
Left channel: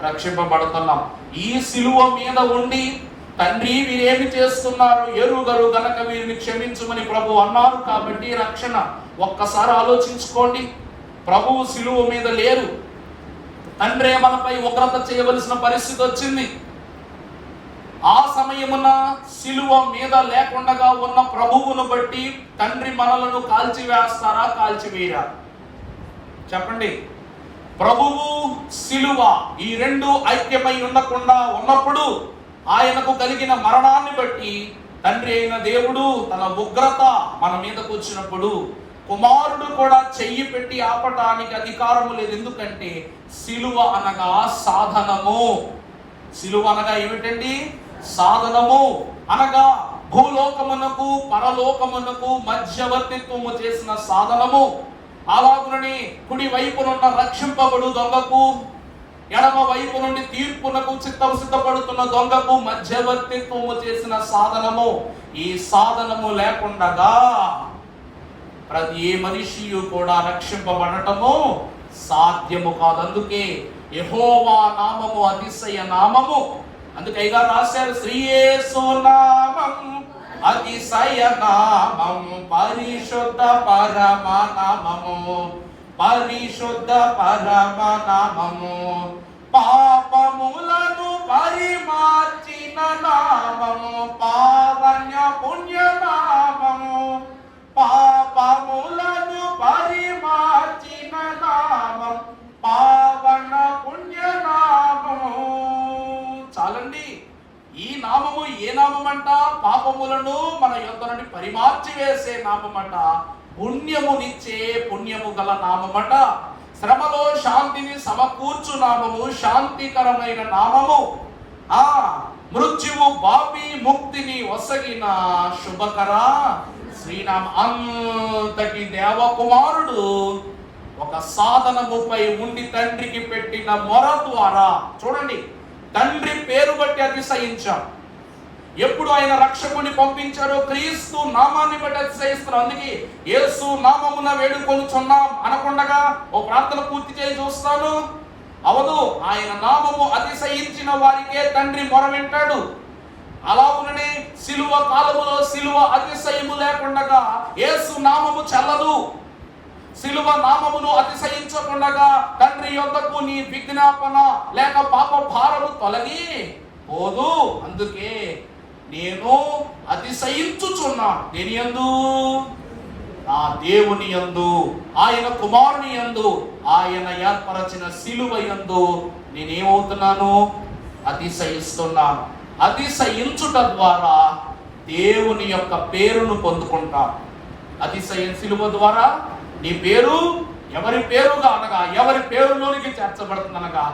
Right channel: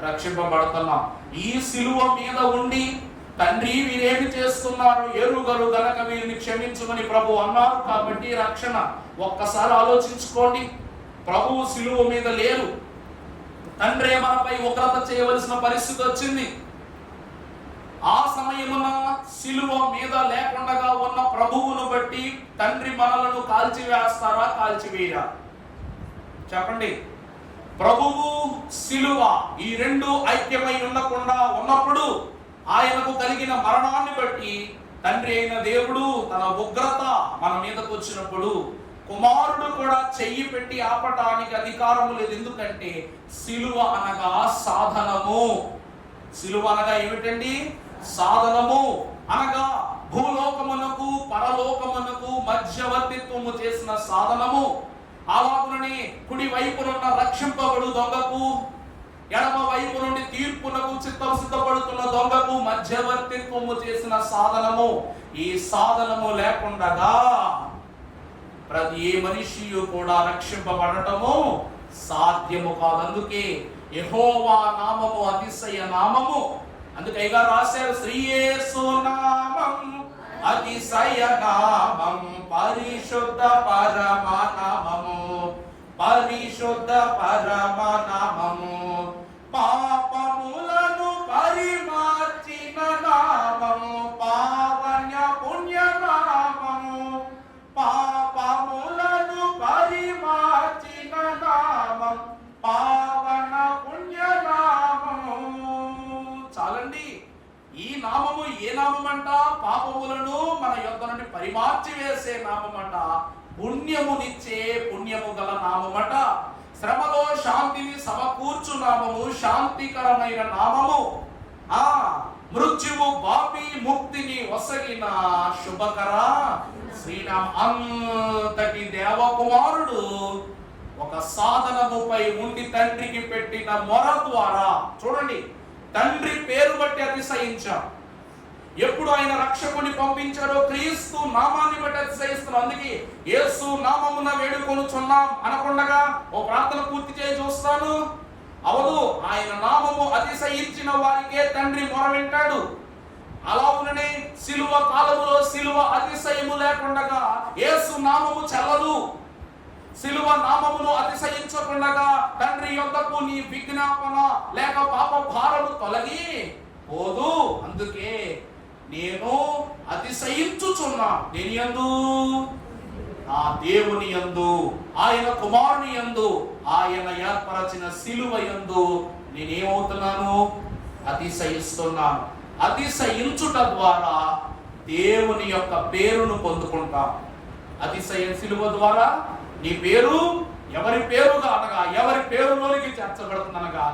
రక్షింపబడుతున్నాం. ఈ సిలువ మీద ఉండి, తండ్రి వీరేమి చేస్తున్నారు ఎరుగరు గనక వీరిని క్షమించమని ప్రభు అన్నారు కాబట్టి రక్షణ. ఒక్కసారి ఆలోచించుకోండి. ప్రభువు సిలువ మీద లేరు, తండ్రే మనపై ఉగ్రత చేయవలసిన పరిస్థితి వచ్చింది. ఆ సమయమున సిలువ మీద లేకుండా ఉన్న ప్రభువును బట్టి తండ్రి మనలను కాల్చివేస్తారా, కాల్చివేయరా? చెప్పండి. ప్రభువు, సిలువ ఈ రెండు ఐక్యమై ఉండకుండా ఉన్నప్పుడు ఆయనకు కలిగిన మరణాన్ని బట్టి తండ్రి అయిన దేవుడు తన ఉగ్రత మన మీదకు వచ్చినప్పుడు కుమారుడు కూడా చెయ్యి పెట్టి ఆపటానికి అధికారం లేదు. ఎందుకంటే సిలువ అనగా సాధనము. సిలువ అనగా ఏమిటండి? సాధనము. అనగా భూలోకమునకు పరలోకమునకు మధ్యవర్తిత్వము చేసిన సాధనము. అలాగునని కుడి వైపునున్న రక్షింపబడు దొంగకు, ఎడమ వైపు నుండి తీర్పునకు సిద్ధపడుతున్న దొంగకు మధ్యవర్తిత్వము చేసిన సాధనము. ఈ సాధనము లేకుండగా ప్రతి ఏ మనిషియు కూడా రక్షింపబడటము సాధ్యము కాదు. అందుకే యెహోవా నామము అతిశయ నామము. అందుకే అయ్యగారు రాశారు, శ్రీ యేసు నామం అతిశయ నామం, పరిశుద్ధ పరమ నామము, పరిశుద్ధ పరమ నామము, పాపములను పరిమార్చిన నామము, పావన్య పుణ్య నామము, పాపములను పరిమార్చిన నామం, పావన పుణ్య నామము. చాలండి. ఈ నామము ఏ నామమంట? పాపములను మన యొద్ద నుండి పరిమార్చి వేసే నామమంట. పుణ్యమునిచ్చే పుణ్యము గల నామమట. శ్రమలో శాంతిని సమకూర్చు నామము, శాంతికరమైన నామము. మృత్యువు బాపి ముక్తిని ఒసగిన శుభకర శ్రీనామ. అంతటి దేవకుమారుడు ఒక సాధనముపై ఉండి తండ్రికి పెట్టిన మొర ద్వారా, చూడండి, తండ్రి పేరు బట్టి అతిశయించాం. ఎప్పుడు ఆయన రక్షకుని పంపించారో క్రీస్తు నామాన్ని బట్టి అతిశయిస్తున్నాం. అందుకే యేసు నామమున వేడుకొనుచున్నాం అనకుండగా ఓ ప్రార్థన పూర్తి చేయి చూస్తాను అవదు. ఆయన నామము అతిశయించిన వారికే తండ్రి మొర వింటాడు. అలాగుననే సిలువ కాలములో సిలువ అతిశయము లేకుండగా యేసు నామము చెల్లదు. సిలువ నామమును అతిశయించకుండగా తండ్రి యొద్దకు నీ విజ్ఞాపన లేక పాప భారము తొలగి పోదు. అందుకే నేను అతిశయించుచున్నా. దేని యందు? నా దేవుని యందు, ఆయన కుమారుని యందు, ఆయన ఏర్పరచిన సిలువ యందు నేనేమవుతున్నాను? అతిశయిస్తున్నాను. అతిశయించుట ద్వారా దేవుని యొక్క పేరును పొందుకుంటా. అతిశయం సిలువ ద్వారా నీ పేరు ఎవరి పేరుగా అనగా ఎవరి పేరులోనికి చేర్చబడుతుంది అనగా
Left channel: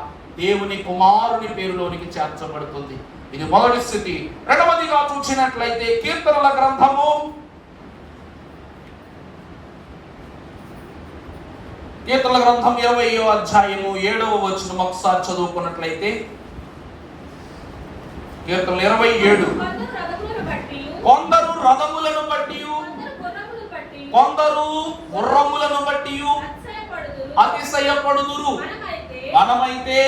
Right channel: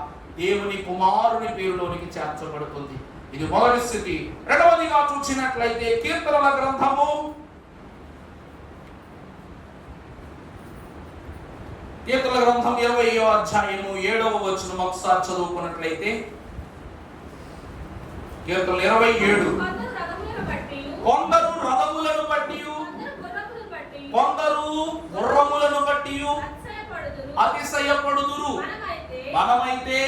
దేవుని కుమారుని పేరులోనికి చేర్చబడుతుంది. ఇది మొదటి స్థితి. రెండవదిగా చూసినట్లయితే కీర్తనల గ్రంథము, కీర్తనల గ్రంథం 20వ అధ్యాయము 7వ వచనం ఒకసారి చదువుకున్నట్లయితే, కీర్తనలు 27. కొందరు రథములను బట్టి, కొందరు గుర్రములను బట్టి అతిశయపడుదురు. మనమైతే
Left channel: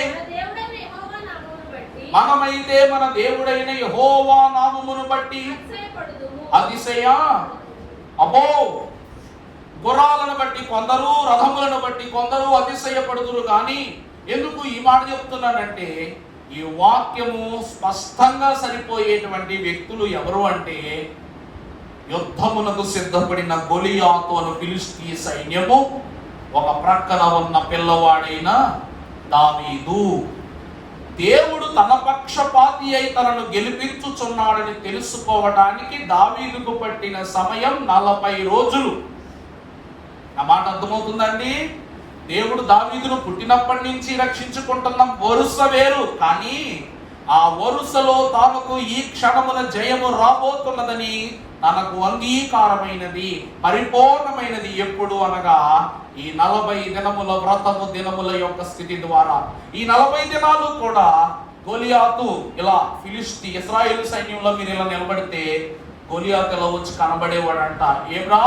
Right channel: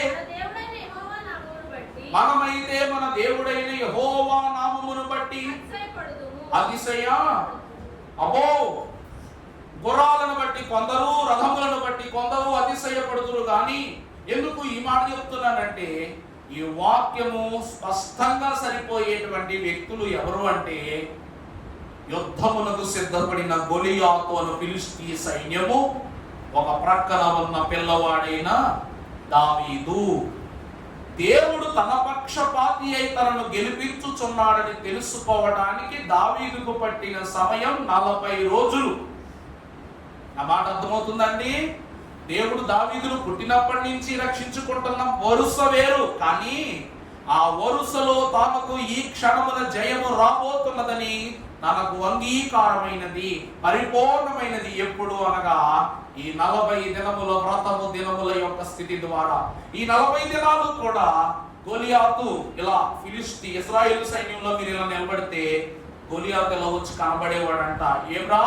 మన దేవుడైన యెహోవా నామమును బట్టి అతిశయ. అబ్బో, గుర్రాలను బట్టి కొందరు, రథములను బట్టి కొందరు అతిశయపడుదురు. కానీ ఎందుకు ఈ మాట చెప్తున్నానంటే, ఈ వాక్యము స్పష్టంగా సరిపోయేటువంటి వ్యక్తులు ఎవరు అంటే, యుద్ధమునకు సిద్ధపడిన గొలియాతు అను ఫిలిష్తీ సైన్యము, ఒక ప్రక్కన ఉన్న పిల్లవాడైన దావీదు. దేవుడు తన పక్షపాతి అయి తనను గెలిపించుచున్నాడని తెలుసుకోవడానికి దావీదుకు పట్టిన సమయం 40 రోజులు. నా మాట అర్థమవుతుందండి? దేవుడు దావీదును పుట్టినప్పటి నుంచి రక్షించుకుంటున్న వరుస వేరు, కానీ ఆ వరుసలో తనకు ఈ క్షణమున జయము రాబోతున్నదని తనకు అంగీకారమైనది, పరిపూర్ణమైనది ఎప్పుడు అనగా ఈ 40 దినముల వ్రతము దినముల యొక్క స్థితి ద్వారా. ఈ 40 దినాలు కూడా గొలియాతు ఇలా ఫిలిష్తీ ఇశ్రాయేలు సైన్యంలో మీరు ఇలా నిలబడితే గొలియాతు ఇలా వచ్చి కనబడేవాడంట. ఏమ్రా,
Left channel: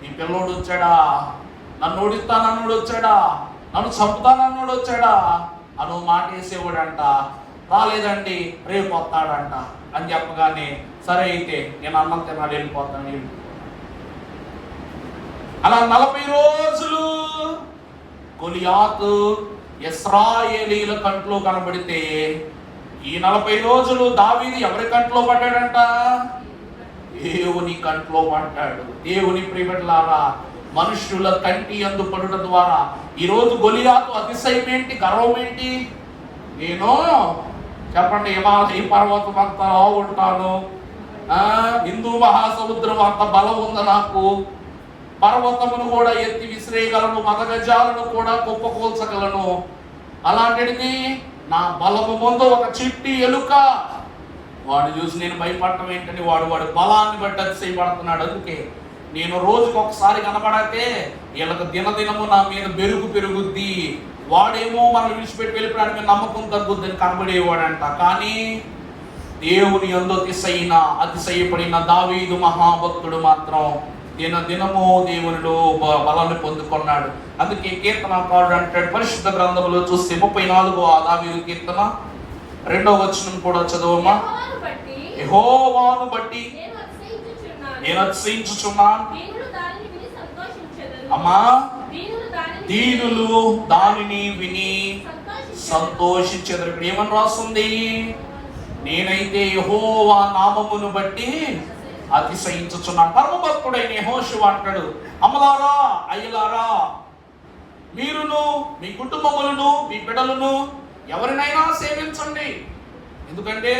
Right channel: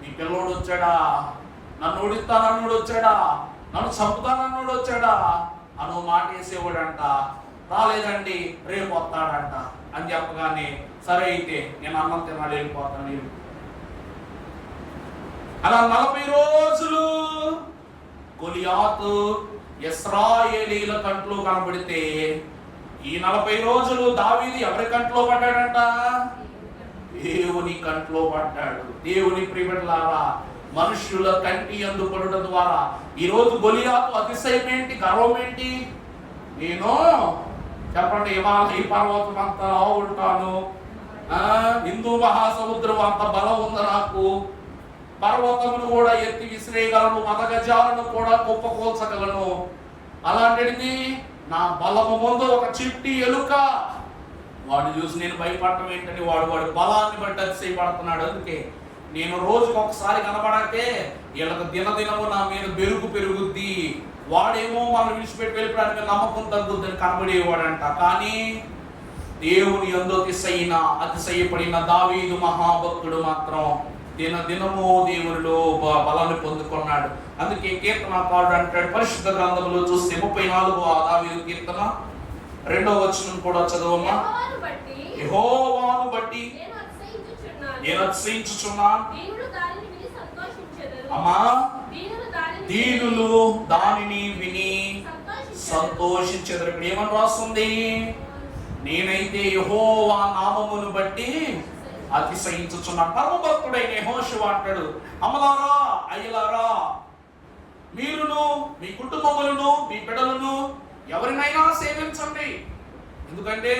నీ పిల్లోడు వచ్చాడా? నన్ను ఓడిస్తానన్నోడు వచ్చాడా? నన్ను చంపుతానన్నోడు వచ్చాడా అను మాట వేసేవాడంట. రాలేదండి, రేపు వస్తాడంట అని చెప్పగానే, సరే అయితే నేను అన్నం తిన్నాడు, వెళ్ళిపోతాను. అలా 40 రోజులు గొలియాతు ఇశ్రాయేలీల కంట్లో కనబడితే, ఈ 40 రోజులు దావీదు ఎవరి కంట్లో పడ్డాడంట? దేవుని కంట్లో పడ్డాడు. దేవుని ప్రియబిడ్డలారా, మనుష్యుల కంటి యందు పడుట ద్వారా. ఈరోజు గొలియాతు అతిశయం ఏంటి, గర్వం ఏంటి? నేను చెప్పండి, హిమాలయ పర్వతం అంతా ఉంటాను, హిందూ మహాసముద్రం అంత బలం ఉంది నాకు, పర్వతమును కూడా ఎత్తి విసిరేయగలను, మదగజాలను కూడా కుప్పకూల్చగలను. అలాంటిది నా బలము ముందు ఒక చిట్టి ఎలుక. వాడు చూసి నేను భయపడటం ఏంటని వాడు బలాన్ని బట్టి అతిశయపడుతున్నాడు. అందుకే నేను రోజుకు ఒకసారి కనబడితే వీళ్ళకి దినదినము నా మీద పెరుగుద్ది, వాడేమో మనం విడిచిపెట్టి వెళ్ళిపోవడానికి నమ్మకం తగ్గుద్దని కనబడేవాడంట. కానీ దేవుని యందు అతిశయపడిన దావీదు మహాభక్తుడు మాత్రం దినదినము దేవునిలో బలాన్ని పొందుకున్నాడు. అందుకే కీర్తనకారుడు అంటాడు, పరిశుద్ధ గ్రంథంలో చూస్తే 34వ దావీదు కీర్తన 2వ వచనం కూడా చదవమ్మా. యెహోవాను బట్టి నేను అతిశయించుచున్నాను, అమ్మా దీనులు దానిని విని సంతోషించెదరు. ఏమని రాస్తుంది? నేనైతే యెహోవా నామమును బట్టి అతిశయించుచున్నాను. పరమభక్తుడైన యెహోషువ అంటాడు, అమ్మలారా అయ్యలారా, మీరును మీ కుటుంబములను మీ బిడ్డలను ఎవరినైనా సేవించండి. ఎందుకంటే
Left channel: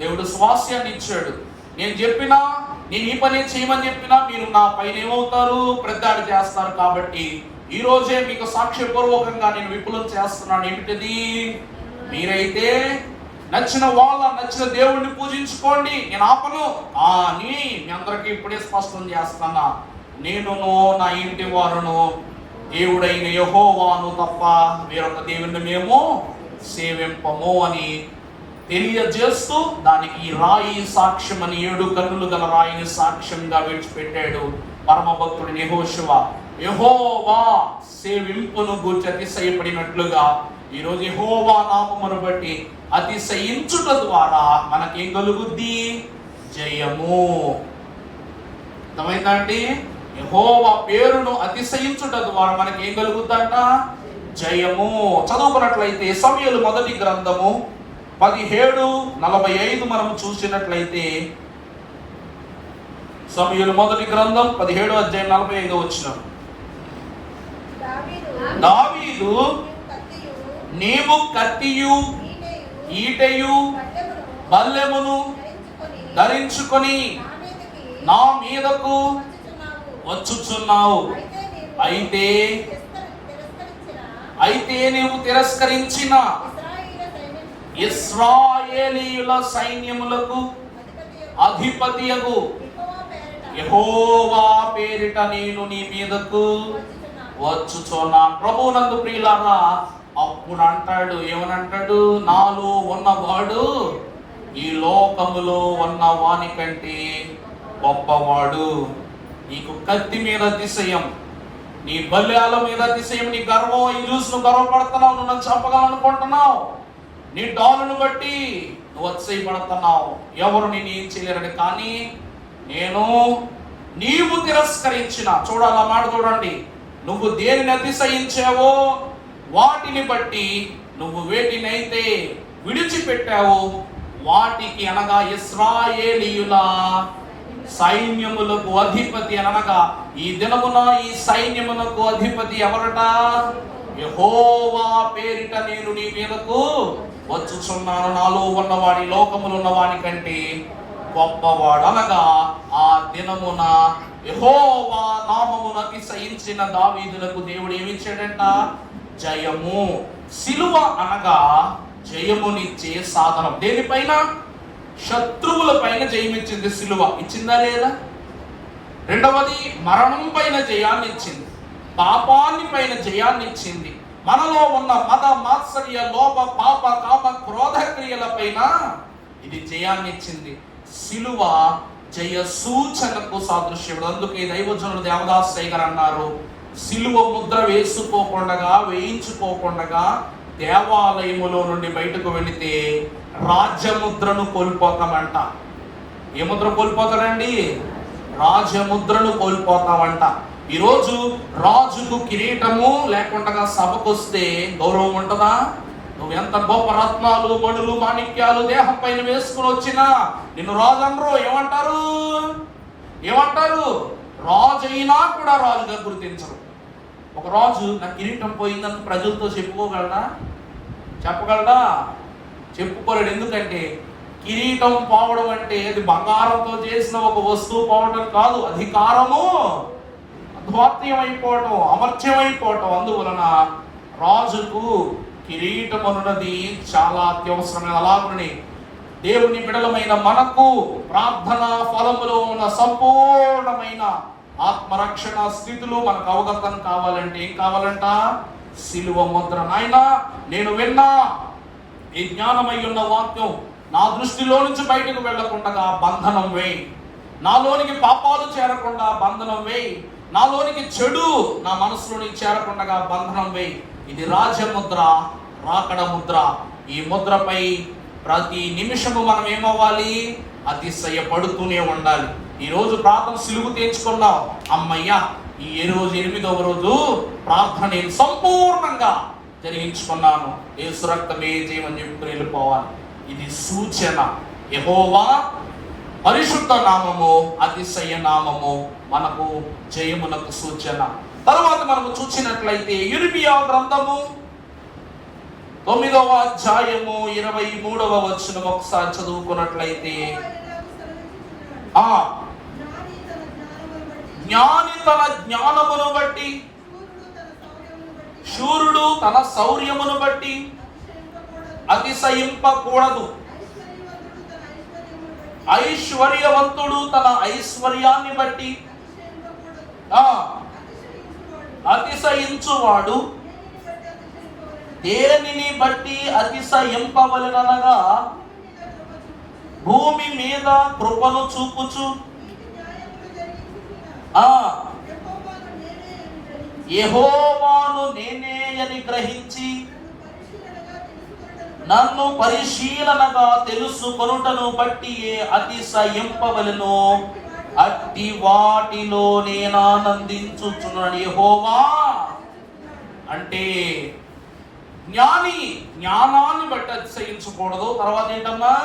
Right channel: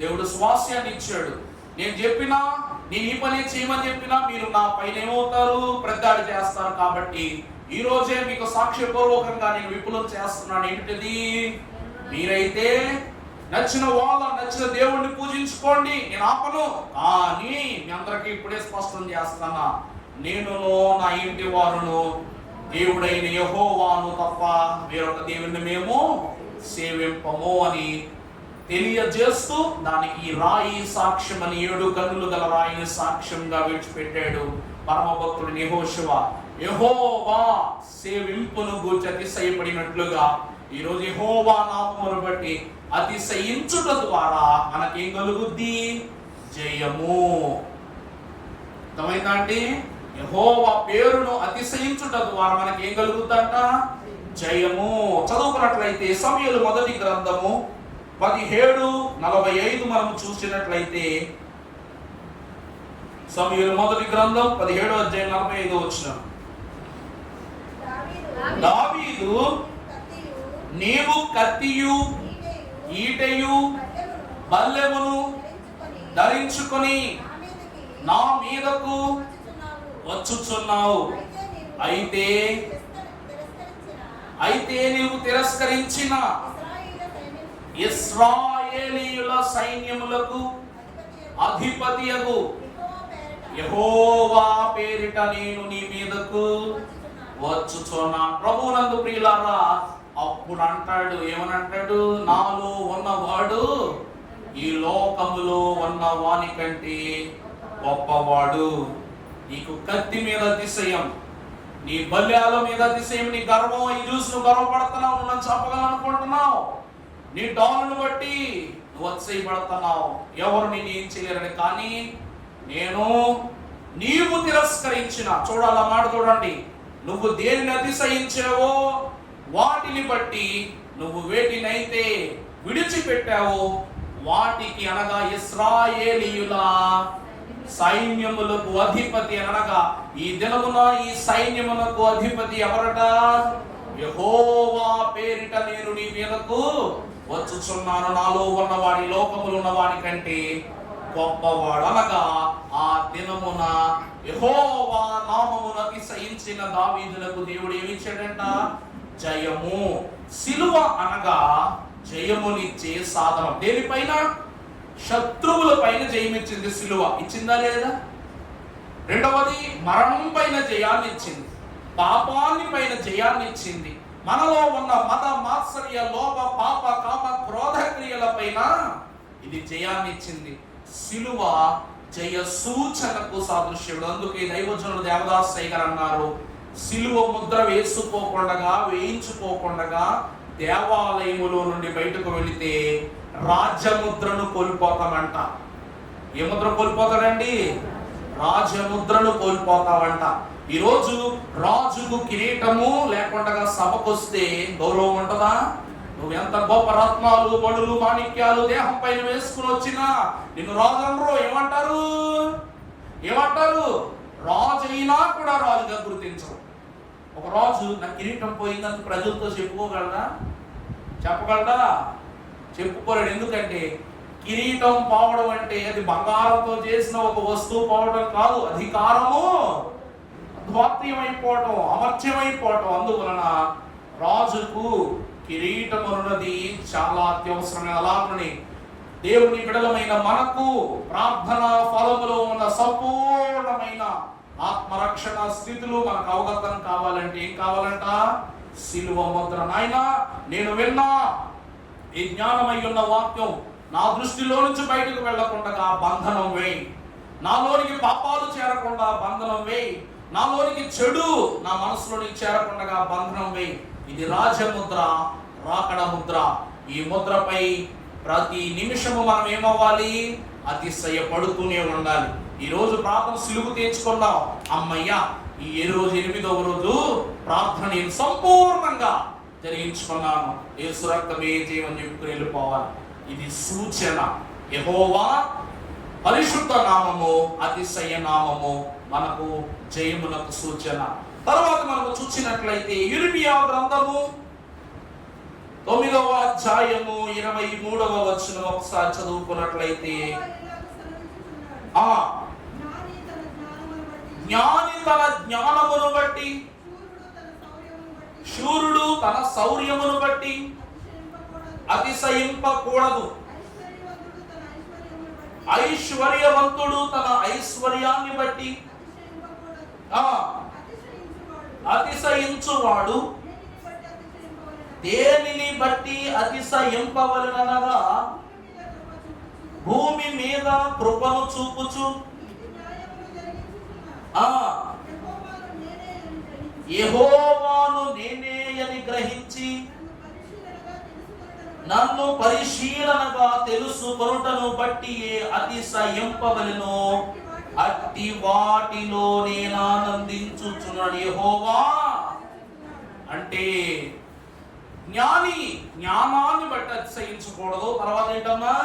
దేవుడు స్వాస్యాన్ని ఇచ్చాడు. నేను చెప్పినా, నేను ఈ పని చేయమని చెప్పినా మీరు నా పైన ఏమవుతారు, ప్రతిదాడి చేస్తారు. కాబట్టి ఈ రోజే మీకు సాక్ష్యపూర్వకంగా నేను విపులం చేస్తున్నాను. ఏమిటిది? మీరైతే నచ్చిన దేవుణ్ణి పూజించుకోండి, నేను ఆపను. కానీ మీ అందరికీ ఇప్పుడే స్పష్టం చేస్తానా, నేనును నా ఇంటి వారును దేవుడైన యెహోవాను తప్ప వేరొక దేవుణ్ణి మేము సేవింపము అని తెలియజేస్తూ దానికి ఈ రాయి సాక్ష్యం అని 7 కన్నులు గల రాయిని సాక్ష్యంగా విడిచిపెట్టాడు పరమభక్తుడు యెహోషువ. యెహోవా సేవింపును గూర్చి అతిశయపడినట్లుగా ఈరోజు యెహోవా నామమును బట్టి అతిశయించుట ద్వారా మనకేం కలుగుద్ది? జయము. అర్థమైందా అండి? యెహోవా పేరును అతిశయించుట ద్వారా మనకి ఏం కలుగుద్దంట? జయము. చదువుకున్నట్లయితే సమూయేలు మొదటి గ్రంథము 17:45 మనం చూసినట్లయితే, సమూయేలు మొదటి గ్రంథం 17:45 దావీదు నీవు కత్తియు ఈటెయు బల్లెమును ధరించుకొని నా మీదకు వచ్చుచున్నావు. అయితే నీవు తిరస్కరించిన ఇశ్రాయేలీయుల సైన్యములకు అధిపతియగు యెహోవా పేరిట నేను నీ మీదకు వచ్చుచున్నాను. ప్రభువునందు ప్రియులారా, అప్పుడు అంటాడు, ఏమనంటాడు? నాలో ఉన్నవాడు ఈ లోకములో ఉన్న వాని కంటే గొప్పవాడు. నీకు కత్తి మీద అతిశయం, నీ బల్యాల మీద అతిశయం, నీ గర్వం, ఈ చూసి నువ్వు గర్వపడుతున్నావు, నువ్వు నన్ను చంపగలనుకుంటున్నావు, నీ డాలును బట్టి నువ్వు అతిశయపడుతున్నావు, ఎవరు నేను ఏం చేయలేరని. కానీ నీవు తిరస్కరించిన, చూడాల మాట చూడండి, నువ్వు దేనిని అతిశయించావో వాటిని బట్టి, నువ్వు వేటినైతే విడిచిపెట్టావో వాటికి, అనగా ఇశ్రాయేలీయుల సైన్యములకు అధిపతి అనగా ఈ దినమున ఈ సైన్యములకు అధిపతి ఎవరట? యెహోవా పేరిట నేను నీ మీదకు వచ్చుచున్నాను. నాలో ఉన్నవాడి లోకములో ఉన్నవాడి కంటే గొప్పవాడు. అనగా ఆ దినమున యెహోవా నామమును అతిశయించిన దావీదులకు దేవుడు ఏమిచ్చాడంట? జయము. సిలువ అనగా జయమునిచ్చే సాధనం. దేనిపైన? శత్రువుల పైన జయమిచ్చింది సిలువ. ఇచ్చిందా లేదా? రెండవది, మరణం పైన జయాన్ని ఇచ్చింది, పాపాన్ని పైన జయాన్ని ఇచ్చింది. మనలో ఉన్న మత మాత్సర్య లోప పాప కామ క్రోధ క్రియల పైన ఇది జయాన్ని ఇచ్చింది. సిలువ జయ సూచనకు సాదృశ్యం. అందుకే దైవజనులు దేవదాసయ్య గారు అన్నారు, సిలువ ముద్ర వేయించుకోకుండా దేవాలయములో నుండి బయటకు వెళితే రాజముద్రను కోల్పోతామంట. ఏ ముద్ర కోల్పోతారండి? రాజముద్రను కోల్పోతామంట. ఈరోజు రాజుకు కిరీటము లేకుండా సభకొస్తే గౌరవం ఉంటుందా? నువ్వు ఎంత గొప్ప రత్నాలు, మణులు, మాణిక్యాలు దేహం పైన వేసుకుని వచ్చినా నిన్ను రాజు అనరు. ఏమంటారు? రాజు అయినా కూడా రాజుగా గుర్తించరు. ఒక రాజు నా కిరీటం పోయిందని ప్రజలతో చెప్పుకోగలడా? చెప్పగలడా? చెప్పుకోలేడు. ఎందుకంటే కిరీటం పోవడం అంటే అది బంగారంతో చేసిన ఒక వస్తువు పోవడం కాదు, అధికారము ధ్వాత్యమైపోవటం, అమర్త్యమైపోవటం. అందువలన రాజుకు కిరీటం అన్నది చాలా అత్యవసరమైన. అలాగని దేవుని బిడలమైన మనకు ప్రార్థన ఫలములో ఉన్న సంపూర్ణమైన ఆత్మరక్షణ స్థితులు మనకు అవగతం కావాలంటే ఏం కావాలంట? సిలువ ముద్ర. నాయనా, నేను విన్నా ఈ జ్ఞానమై ఉన్న వాక్యం నా దృష్టిలో నుంచి బయటకు వెళ్లకుండా బంధనం వేయి. నాలోనికి పాపాలు చేరకుండా బంధనం వేయి. నాలోనికి చెడు నా మనసులోనికి చేరకుండా బంధనం వేయి. ఇది రాజముద్ర, రాకడ ముద్ర. ఈ ముద్రపై ప్రతి నిమిషము మనం ఏమవ్వాలి? అతిశయపడుతూనే ఉండాలి. ఈ రోజు ప్రార్థన సిలువు తెచ్చుకున్నాం, అమ్మయ్యా ఈ రోజు 8వ రోజు ప్రార్థన నేను సంపూర్ణంగా జరిగించుకున్నాను, యేసు రక్తమే జయమని చెప్పుకుని వెళ్ళిపోవాలి. ఇది సూచన. యెహోవా పరిశుద్ధ నామము, అతిశయ నామము మనకు జయమునకు సూచన. తర్వాత మనము చూసినట్లయితే ఇర్మియా గ్రంథము 9వ అధ్యాయము 23వ వచనం ఒకసారి చదువుకున్నట్లయితే, జ్ఞాని తన జ్ఞానమును బట్టి, శూరుడు తన శౌర్యమును బట్టి అతిశయింపకూడదు. ఐశ్వర్యవంతుడు తన ఐశ్వర్యాన్ని బట్టి అతిశయించువాడు దేనిని బట్టి అతిశయింపవలెననగా భూమి మీద కృపను చూపుచు యెహోవాను నేనే అని గ్రహించి నన్ను పరిశీలనగా తెలుసుకొనుటను బట్టి అతిశయింపవలెను. అట్టి వాటిలో నేను ఆనందించుచున్నాడు. యెహోవా అంటే జ్ఞాని జ్ఞానాన్ని బట్టి అతిశయించకూడదు. తర్వాత ఏంటమ్మా?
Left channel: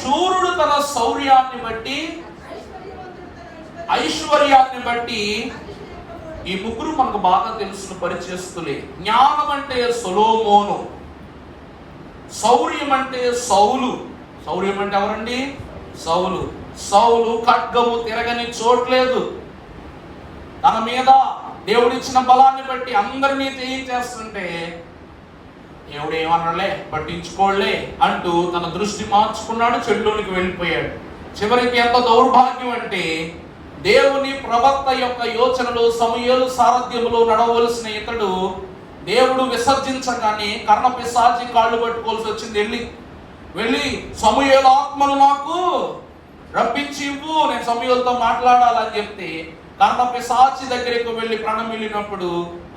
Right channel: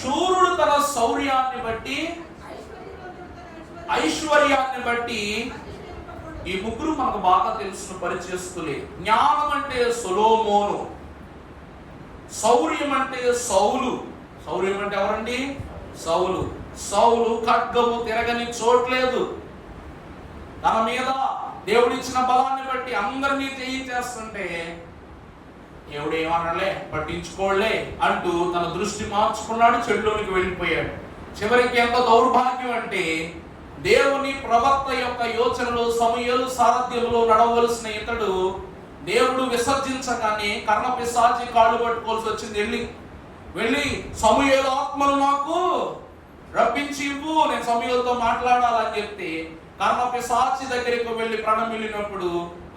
శూరుడు తన శౌర్యాన్ని బట్టి, ఐశ్వర్యాన్ని బట్టి. ఈ ముగ్గురు మనకు బాగా తెలుసును పరిచయస్తులే. జ్ఞానం అంటే సొలొమోను, శౌర్యం అంటే సౌలు. శౌర్యం అంటే ఎవరండి? సౌలు. సౌలు ఖడ్గము తిరగని చోట్లేదు. తన మీద దేవుడిచ్చిన బలాన్ని బట్టి అందరినీ చేయించేస్తుంటే దేవుడు ఏమన్నాడులే, పట్టించుకోలే అంటూ తన దృష్టి మార్చుకున్నాడు, చెడులోనికి వెళ్ళిపోయాడు. చివరికి ఎంత దౌర్భాగ్యం అంటే దేవుని ప్రవక్త యొక్క యోచనలు, సమూయేలు సారథ్యములో నడవలసిన ఇతడు దేవుడు విసర్జించగానే కర్ణపిశాచి కాళ్ళు పట్టుకోవాల్సి వచ్చింది. వెళ్ళి సమూయేలు ఆత్మను నాకు రప్పించి ఇవ్వు, నేను సమూయేలుతో మాట్లాడాలని చెప్తే కర్ణపిశాచి దగ్గరికి వెళ్ళి ప్రాణం వెళ్ళినప్పుడు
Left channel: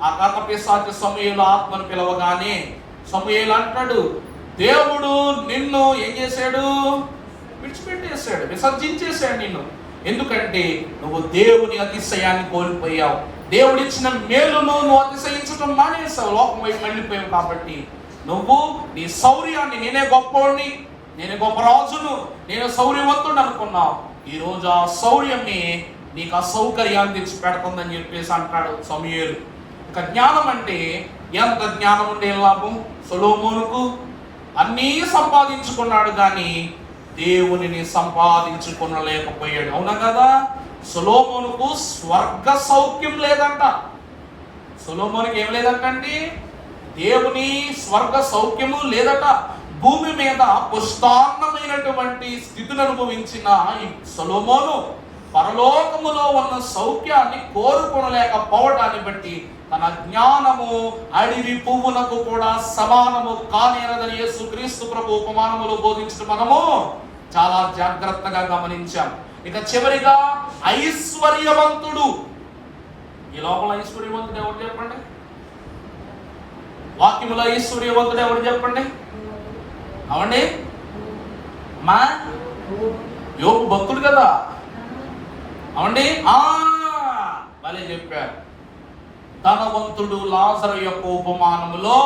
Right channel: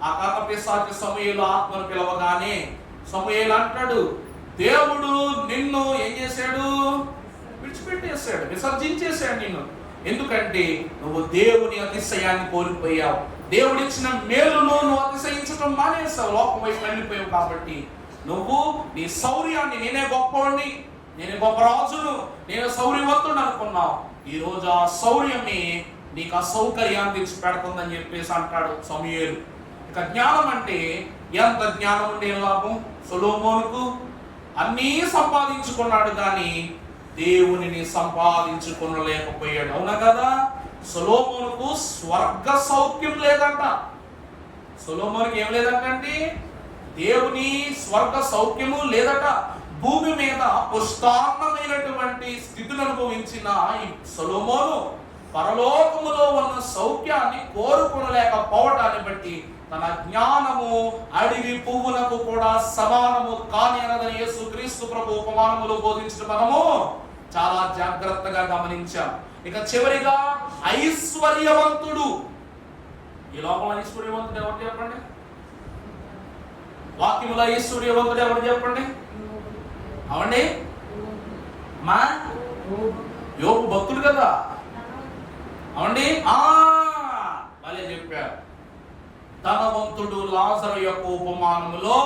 ఆ కర్ణపిశాచి సమూయేలు ఆత్మను పిలవగానే సమూయేలు అంటాడు, దేవుడు నిన్ను ఏం చేశాడు? విడిచిపెట్టేశాడు, విసర్జించేశాడు నిన్ను. ఎందుకంటే నువ్వు దేవుని అతిశయాన్ని కోల్పోయావు. దేవుడిచ్చిన మేలును నువ్వు అతిశయించడం మానేసావు, లోకం వైపు వెళ్ళిపోయావు. కాబట్టి నువ్వు నీ శౌర్యాన్ని, నేనే గొప్పవాడిని, నేను గొప్ప రాజును, నేను శౌర్యవంతుడు అనుకున్నావు. ఈ రోజు ఆ శౌర్యమే నీకు అసౌకర్యాన్ని తెచ్చి పెడుతుందని చెప్పేసి అంటాడు సమూయేలు. ఇక జ్ఞానం అంటే ఎంత జ్ఞానం ఉండే లాభం? సొలొమోనుకు అన్నీ సంపాదించుకున్నాడు కానీ దేవునిని సంపాదించుకొనలేకపోయాడు. అవునా కదా? సొలొమోనుకు స్వర్గ సౌఖ్యం లేదంట. సొలొమోనుకి ఏం లేదంటండి? దేవుని స్వర్గ సౌఖ్యము లేదట. భూమి మీద పుష్టాన్నమైనటువంటి స్థితిని అనుభవించిన ఈ సొలొమోను పరలోకములో ఉన్న సౌఖ్యాన్ని కోరుకొనలేకపోవటాన్ని బట్టి తన జ్ఞానము అడవి పువ్వునకు కూడా సమానము కాని అనదని యేసుక్రీస్తు ప్రభు ఉపమానములు బోధించడం మనము చాలా జాగ్రత్తగా గమనించాం. ఇక చివరిగా ఐశ్వర్యవంతుడు. ఈ లోపల ఐశ్వర్యవంతుడు ఎవరు చెప్పండి? వాక్యములో ఐశ్వర్యవంతుడు ఎవరు చెప్పండి? అవండి మా యోబు భక్తుడు కదా, అవండి భలే చెప్పారు. ధనవంతుడు లాజరు యొక్క ఉపమానములో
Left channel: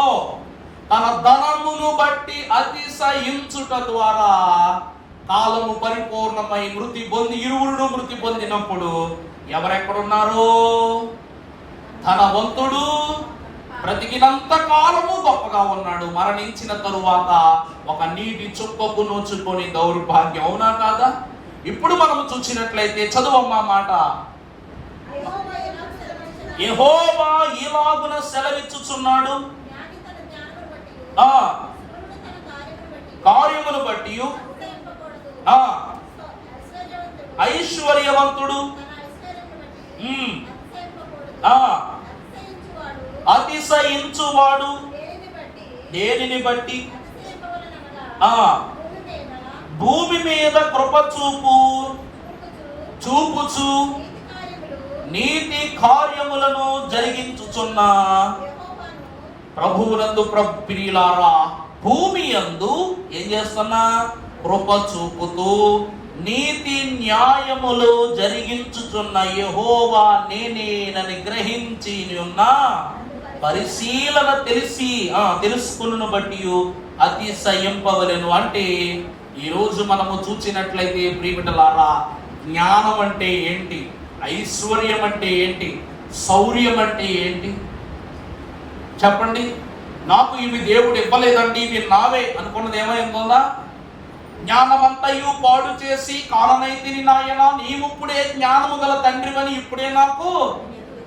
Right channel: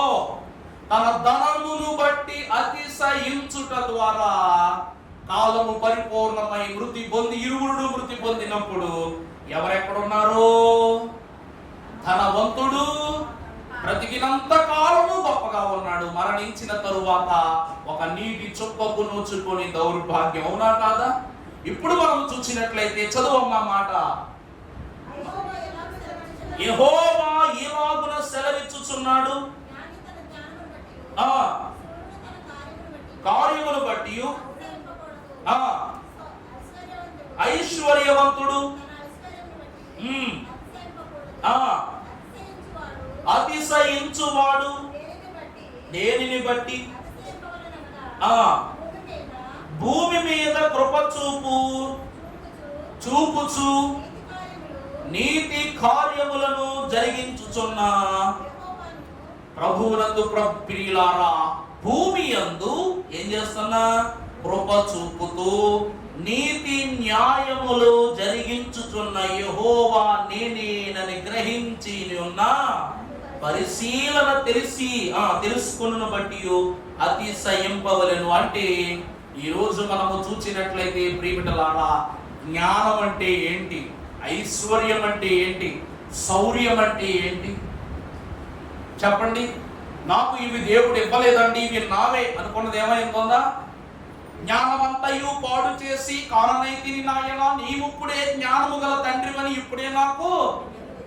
తన ధనమును బట్టి అతిశయించుట ద్వారా కాలము పరిపూర్ణమై మృతి పొంది ఇరువురును మృతి పొందినప్పుడు ఎవరెక్కడున్నారు? ధనవంతుడు బ్రతికినంత కాలము గొప్పగా ఉన్నాడు, మరణించిన తరువాత ఒక నీటి చుక్కకు నోచుకొని దౌర్భాగ్యం. అవునా కాదా? ఇప్పుడు మనం చూసినట్లయితే చదువమ్మా మాట. యెహోవా ఇలాగున సెలవిచ్చుచున్నాడు, కార్యములు బట్టి ఐశ్వర్యవంతుడు అతిశయించువాడు దేనిని బట్టి భూమి మీద కృప చూపుచు నీతి కార్యములను జరిగించుచున్న ప్రభువునందు ప్రియులారా, భూమి యందు ఏం చేస్తున్నా? కృప చూపుతూ నీతి న్యాయములు జరిగించుచున్న యెహోవా నేనేనని గ్రహించి ఉన్న పరిశీలన తెలుసుకున్న బట్టి అతిశయింపవలెను. అంటే ఈరోజు మనము చూసినట్లయితే ప్రియమిటలారా, జ్ఞానం అంటే ఏంటి, ఐశ్వర్యం అంటే ఏంటి, శౌర్యం అంటే ఏంటి చెప్పండి. నాకు ఇవి దేవుడు ఇవ్వలేదండి, ఇవి నావే అనుకున్నది ఏమైందా? జ్ఞానమంతయు పాడు చేసి కారణైతిని నాయన, నీవుప్పుడే జ్ఞానము గల తండ్రివని ఇప్పుడే నాకు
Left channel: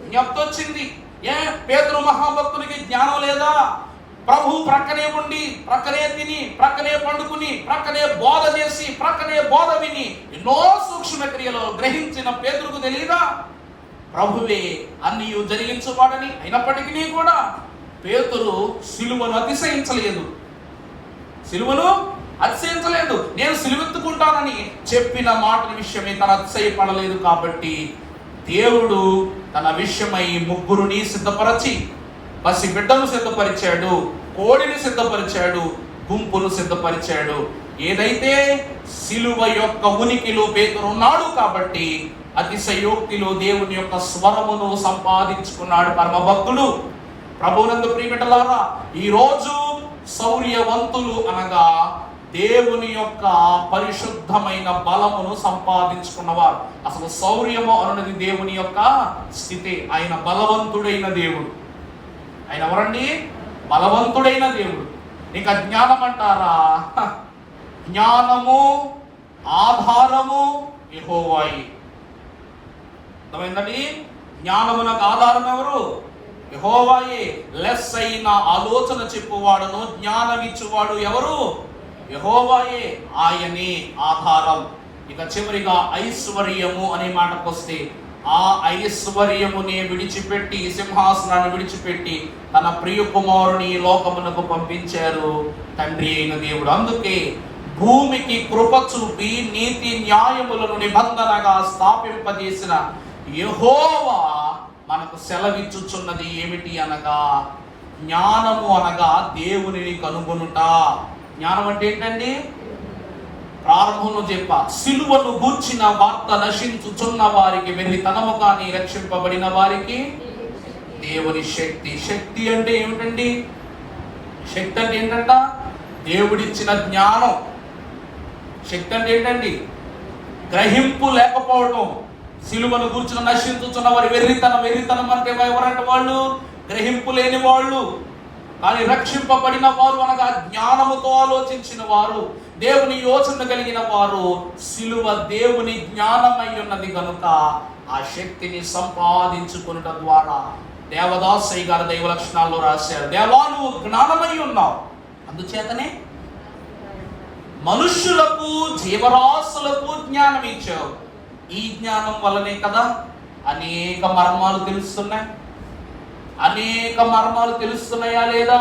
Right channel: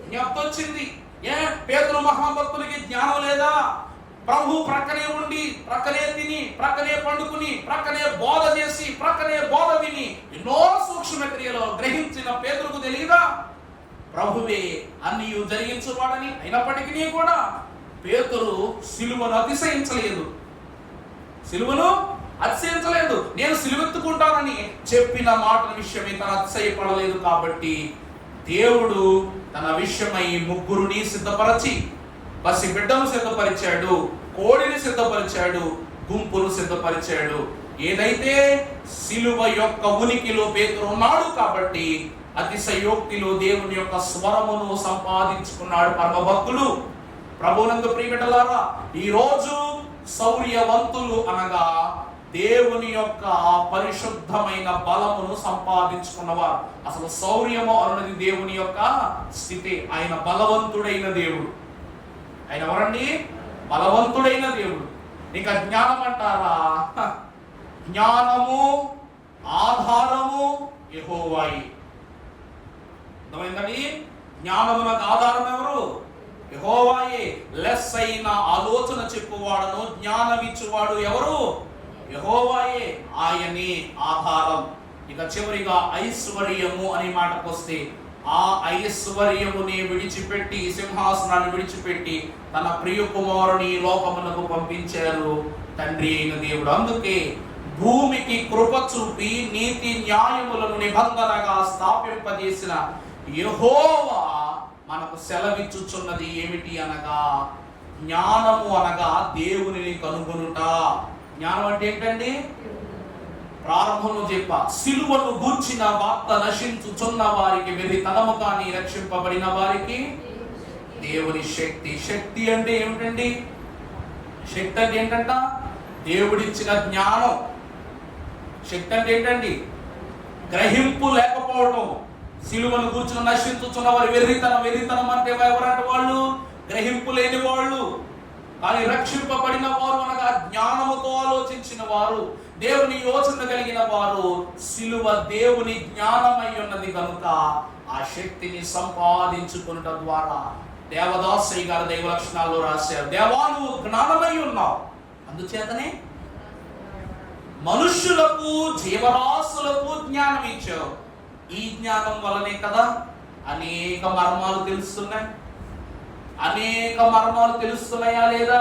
జ్ఞప్తొచ్చింది. పేతురు మహాభక్తునికి జ్ఞానం లేదా? ప్రభు ప్రక్కనే ఉండి, ప్రక్కనే తిని, ప్రక్కనే పండుకుని, ప్రక్కనే బోధ చేసి, ప్రక్కనే బోధ విని ఎన్నో సూక్ష్మ క్రియలు గ్రహించిన పేతురుకు తెలియదా ప్రభువే అన్ని జరిగించువాడని? అయినప్పటికీ కూడా పేతురు సిలువను అతిశయించలేదు. నేను సిలువెత్తుకుంటానని చెప్పిన మాట విషయమే తన అతిశయపడలేదు. కాబట్టి దేవుడు తన విషయమై ముగ్గురుని సిద్ధపరచి, పసి బిడ్డను సిద్ధపరిచాడు, కోడిని సిద్ధపరిచాడు, గుంపును సిద్ధపరిచాడు. ఏదైతే సిలువ యొక్క ఉనికిలో పేతురు ఉన్నాడు కాబట్టి అతిశయోక్తిలో దేవుని యొక్క స్వరమును సంపాదించుకున్నాడు పరమ భక్తుడు. ప్రభువునందు ప్రియమిటలారా, ఈ రోజు శౌర్యవంతులు అనగా దేవుని యొక్క పరిశుద్ధమైన బలమును సంపాదించుకున్నవారు. అసలు శౌర్యము అన్నది దేవుని యొక్క స్థితి. ఆయన బలవంతుడైన దేవుడు. ఆయన ఎవరండి? బలవంతుడైన దేవుడు. ఇక జ్ఞానం అంటారా? జ్ఞానము ఆధారము యెహోవాయే. అర్థమైందండి? జ్ఞానమునకు ఆధారం ఎవరు? యెహోవాయే. లెస్ అయిన ఆలోచన చెప్పువాడను జ్ఞానమిచ్చువాడు ఎవరు? యెహోవాయే. ఆయనే ఆధారం. ఇక చివరిగా ఐశ్వర్యము అనే మాటకు వస్తే, ఆ ఐశ్వర్యముని విడిచిపెట్టి, సింహాసనాన్ని విడిచిపెట్టి తన ప్రియ కుమారుని లోకమునకు పంపించారు తండ్రి అయిన దేవుడు. అందుకే భూమికి కృప చూపి నీతి న్యాయములను నిబంధనగా స్థాపింపజేసిన యెహోవా మనకు సెలవిచ్చుచున్నది ఏమిటి అనగా, జ్ఞానము అనగా దేవునిని కనుగొనుట. జ్ఞానం అంటే ఏంటండి? ప్రారంభంలో చెప్పా, సిలువను గూర్చిన వార్త నశించుచున్న వారికి వెర్రితనము కానీ రక్షింపబడిన వారికి దేవుని శక్తి. శక్తి అంటే ఏమిటండి? శక్తి అంటే ఏంటంట? దేవుడిచ్చిన జ్ఞానం. శక్తి అంటే ఏంటండి? గ్రహింపు లేకపోవడం. సిలువను గూర్చిన నశించుచున్న వారి వెర్రితనం అంటే ఎవరంటే వాళ్ళు గ్రహింపు లేని వాళ్ళు. కానీ రక్షింపబడిన వారు అనగా జ్ఞానముతో ఆలోచించిన వారు, దేవుని యోచన కలిగిన వారు. సిలువ దేవుని జ్ఞానమై ఉన్నది కనుక ఆ శక్తిని సంపాదించుకునుట ద్వారా దేవదాసయ్య గారు దైవ లక్షణాల్లో రాశారు, దేవా నువ్వు జ్ఞానమై ఉన్నావు, అందుచేతనే మనుష్యులకు జీవరాశులకు జ్ఞానం ఇచ్చావు. ఈ జ్ఞానం వల్లనే కదా అనేక మర్మాలు తెలుస్తున్నాయి. అనేక మర్మాలు తెలుస్తున్నాయా లేదా?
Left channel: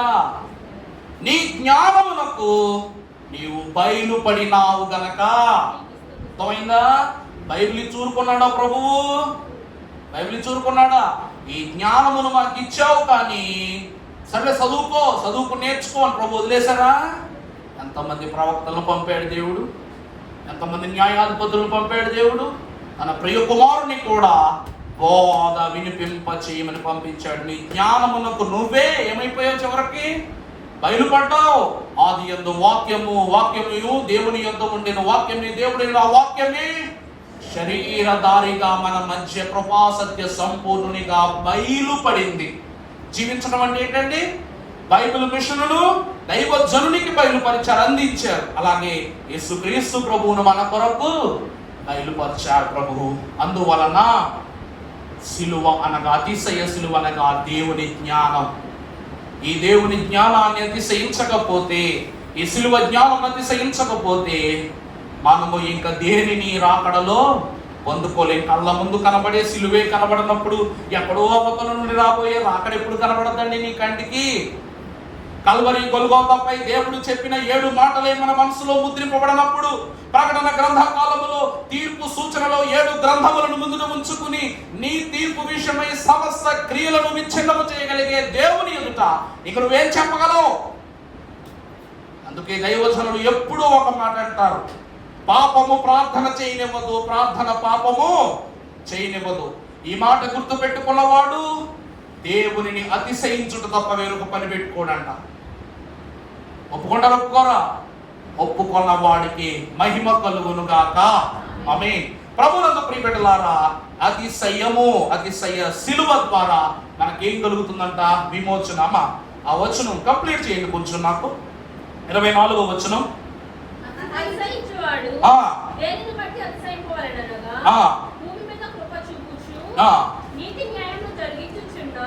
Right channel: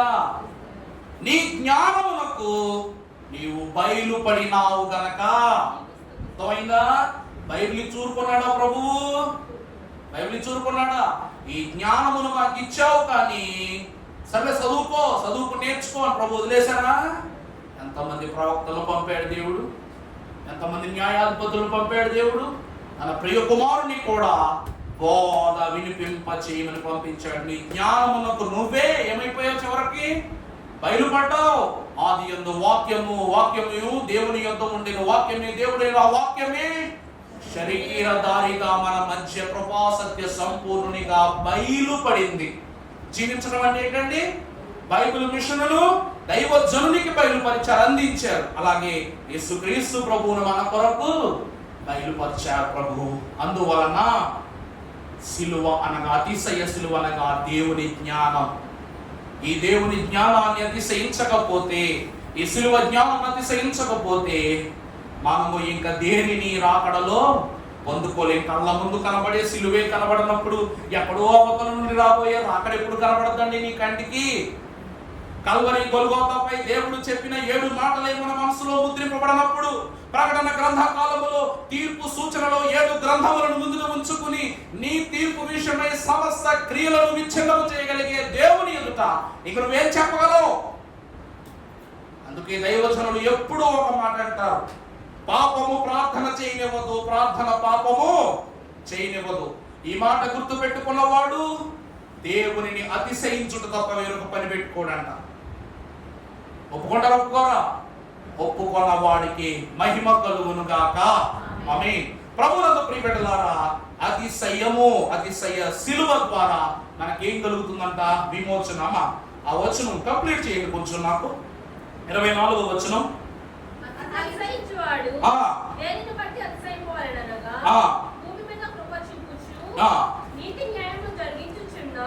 నీ జ్ఞానమునకు నీవు బయలుపడినావు గనక. అర్థమైందా? బైబిల్ చూరుకున్నాడా ప్రభువు? బైబిల్ చూరుకున్నాడా? ఈ జ్ఞానమును మాకు ఇచ్చావు, కానీ సరే చదువుకు నేర్చుకో అని ప్రభు వదిలేశారా? ఎంతమంది ప్రవక్తలను పంపాడు దేవుడు, ఎంతమంది న్యాయాధిపతులను పంపాడు దేవుడు. తన ప్రియ కుమారుని కూడా బోధ వినిపింప చేయమని పంపించాడు. నీ జ్ఞానమునకు నువ్వే ఏమైపోయావు? చివరికి బయలుపడ్డావు. ఆదియందు వాక్యము, వాక్యము దేవుని యొద్ద ఉండెను, వాక్యమే దేవుడైన వాక్యమే శరీరధారిగా మన మధ్య కృపా సత్య సంపూర్ణునిగా బయలుపడింది. జీవించడం అంటే ఏంటండి? బైబిల్ మిషనులు దైవజనునికి బయలుపరిచారు, అందించారు. అలాగే యేసుక్రీస్తు ప్రభువును మన కొరకు బయలుపరిచారు ప్రభువు. అందువలన సిలువ అనగా, అతిశయ సిలువ అనగా దేవుని జ్ఞానం. ఈ దేవుని జ్ఞానాన్ని అతిశయించకపోతే, ఈ సిలువ జ్ఞానం అతిశయించకపోతే మనము ఇంకా దేనిని రాకడలో పొందుకోలేం. కళ్ళ ముందు కనబడే సిలువే కనబడినప్పుడు ఎక్కడో అవతల నుండి రాబోయే రాకడ ఎప్పుడు కనబడదండి నీ కంటికి? కల్వరి గొల్గోతాపై దేవుడు చెప్పిన 7 మాటలే మన మనసులో ముద్రింపబడినప్పుడు, ప్రకటన గ్రంథ కాలములో తీర్పు సూచనలో 7 గ్రంథములను ముందున ఉంచుకుని నీ తీర్పు విషయమై సమస్త క్రియలను విచ్ఛిన్నము చేయగలిగే దేవుని ఎదుట ఇక నువ్వేం చెప్పగలవు? అందుకే దైవజనులు ఎప్పుడూ ఒక మాట అంటారు, పాపము ప్రార్థన చేయనివ్వదు, ప్రార్థన పాపము చేయనివ్వదు. ఈ మాట గుర్తు పెట్టుకున్నవాడు దేవునిని అతిశయించుట తప్ప వేరొక పని పెట్టుకోడంట. ఒప్పుకుంటారా? ఒప్పుకోరా? ఒప్పుకున్న వాడికి మహిమ కలుగును గాక. ఆమేన్. ప్రభువునందు ప్రియబిడ్డలారా, అతిశయము, అతిశయ సిలువ ద్వారా మనకేం కలుగుతుందంట? విమోచన. ఆ వచనం కంప్లీట్ చేయండి కొంచెం నాకు. 24వ వచనం.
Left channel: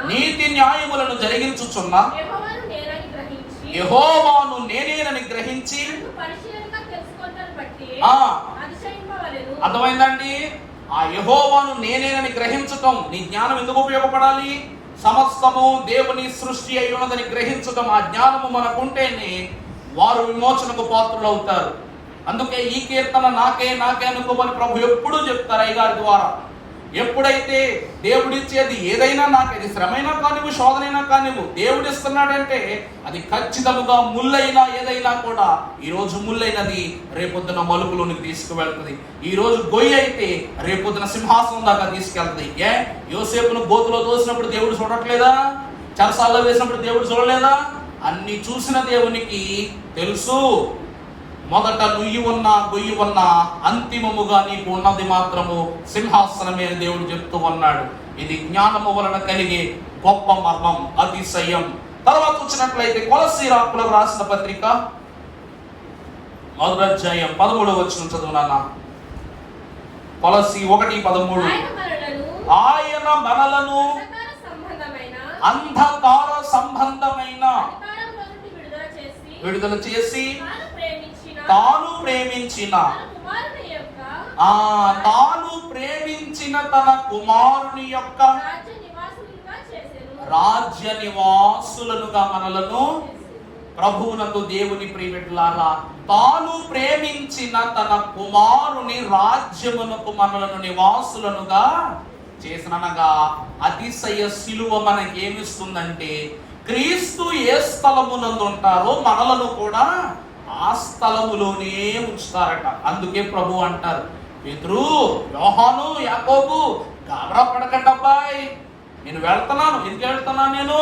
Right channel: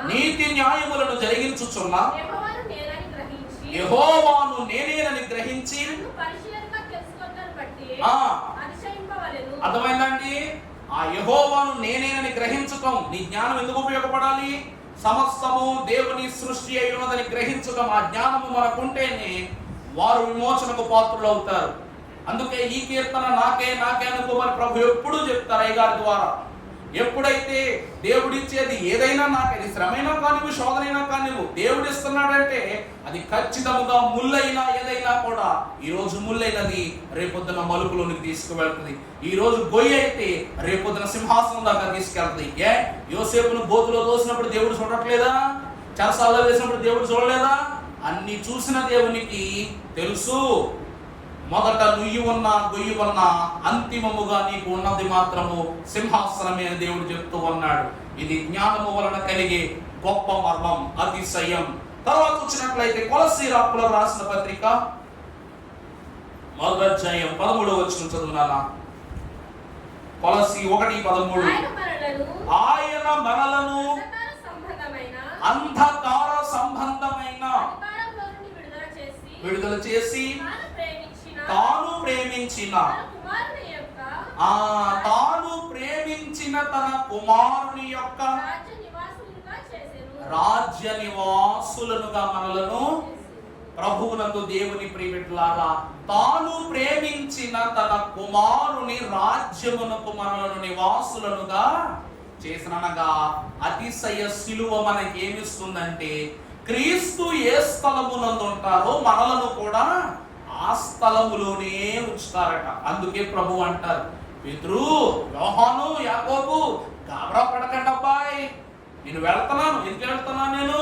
నీతి న్యాయములను జరిగించుచున్న యెహోవాను నేనేనని గ్రహించి. అర్థమైందండి? ఆ యెహోవాను నేనేనని గ్రహించటం, నీ జ్ఞానం ఎందుకు ఉపయోగపడాలి? సమస్తము దేవుని సృష్టి అయి ఉన్నదని గ్రహించటం, ఆ జ్ఞానము మనకుంటేనే వారు విమోచనకు పాత్రులు అవుతారు. అందుకే ఈ కీర్తన నాకే నాకే అనుకోమని ప్రభు ఎప్పుడూ చెప్తారు అయ్యగారి ద్వారా. ఎప్పుడైతే దేవుడిచ్చేది ఏదైనా, నాకేది శ్రమైనా కానివ్వు, శోధనైనా కానివ్వు, దేవుడిస్తున్నాడంటే అది ఖచ్చితంగా ముల్లైనా ఏదైనా కూడా ఈ రోజు ముల్లైనది రేపొద్దున మలుపులోనికి తీసుకువెళ్తుంది. ఈ రోజు గొయ్యి అయితే రేపొద్దున సింహాసనం దాకా తీసుకెళ్తుంది. యోసేపును గోతులో తోసినప్పుడు దేవుడు చూడట్లేదా? చెరసాల్లో వేసినప్పుడు దేవుడు చూడలేదా? అన్ని చూసిన దేవునికి తెలుసు, మొదట నుయ్యి ఉన్నా గొయ్యి ఉన్నా అంతిమముగా నీకు ఉన్నది మాత్రము సింహాసనమే అని దేవుడు చెప్తూ ఉన్నాడు. ఇది జ్ఞానము వలన కలిగే గొప్ప మర్మం, అతిశయం. తర్వాత వచ్చినట్లయితే కొలసీయులకు రాసిన పత్రిక 1వ అధ్యాయం 13వ వచనం చదువునానా. కొలసీ 1:13. ఆయన మనలను అంధకార సంబంధమైన విడుదల చేసి తాను ప్రేమించిన తన కుమారుని యొక్క రాజ్య నివాసులనుగా మనలను. ప్రభువునందు దేవుని ప్రియబిడ్డలారా, తాను ప్రేమించిన తన కుమారుని రాజ్యమునకు మనలను నివాసులనుగా చేసిననగా అతిశయ సిలువ మనకి ఏమిస్తుందంటే, క్రీస్తు ఏ స్థలమునందు ఉంటారో మనలను కూడా ఆ స్థలములోనే ఉంచుతారట. అందుకే ప్రభు అంటారు, పేతురు, యోహాను, యాకోబు, గాబరా పడకండి అబ్బాయి, నేను వెళ్తున్నాను. ఎందుకు వెళ్తున్నాను? నేను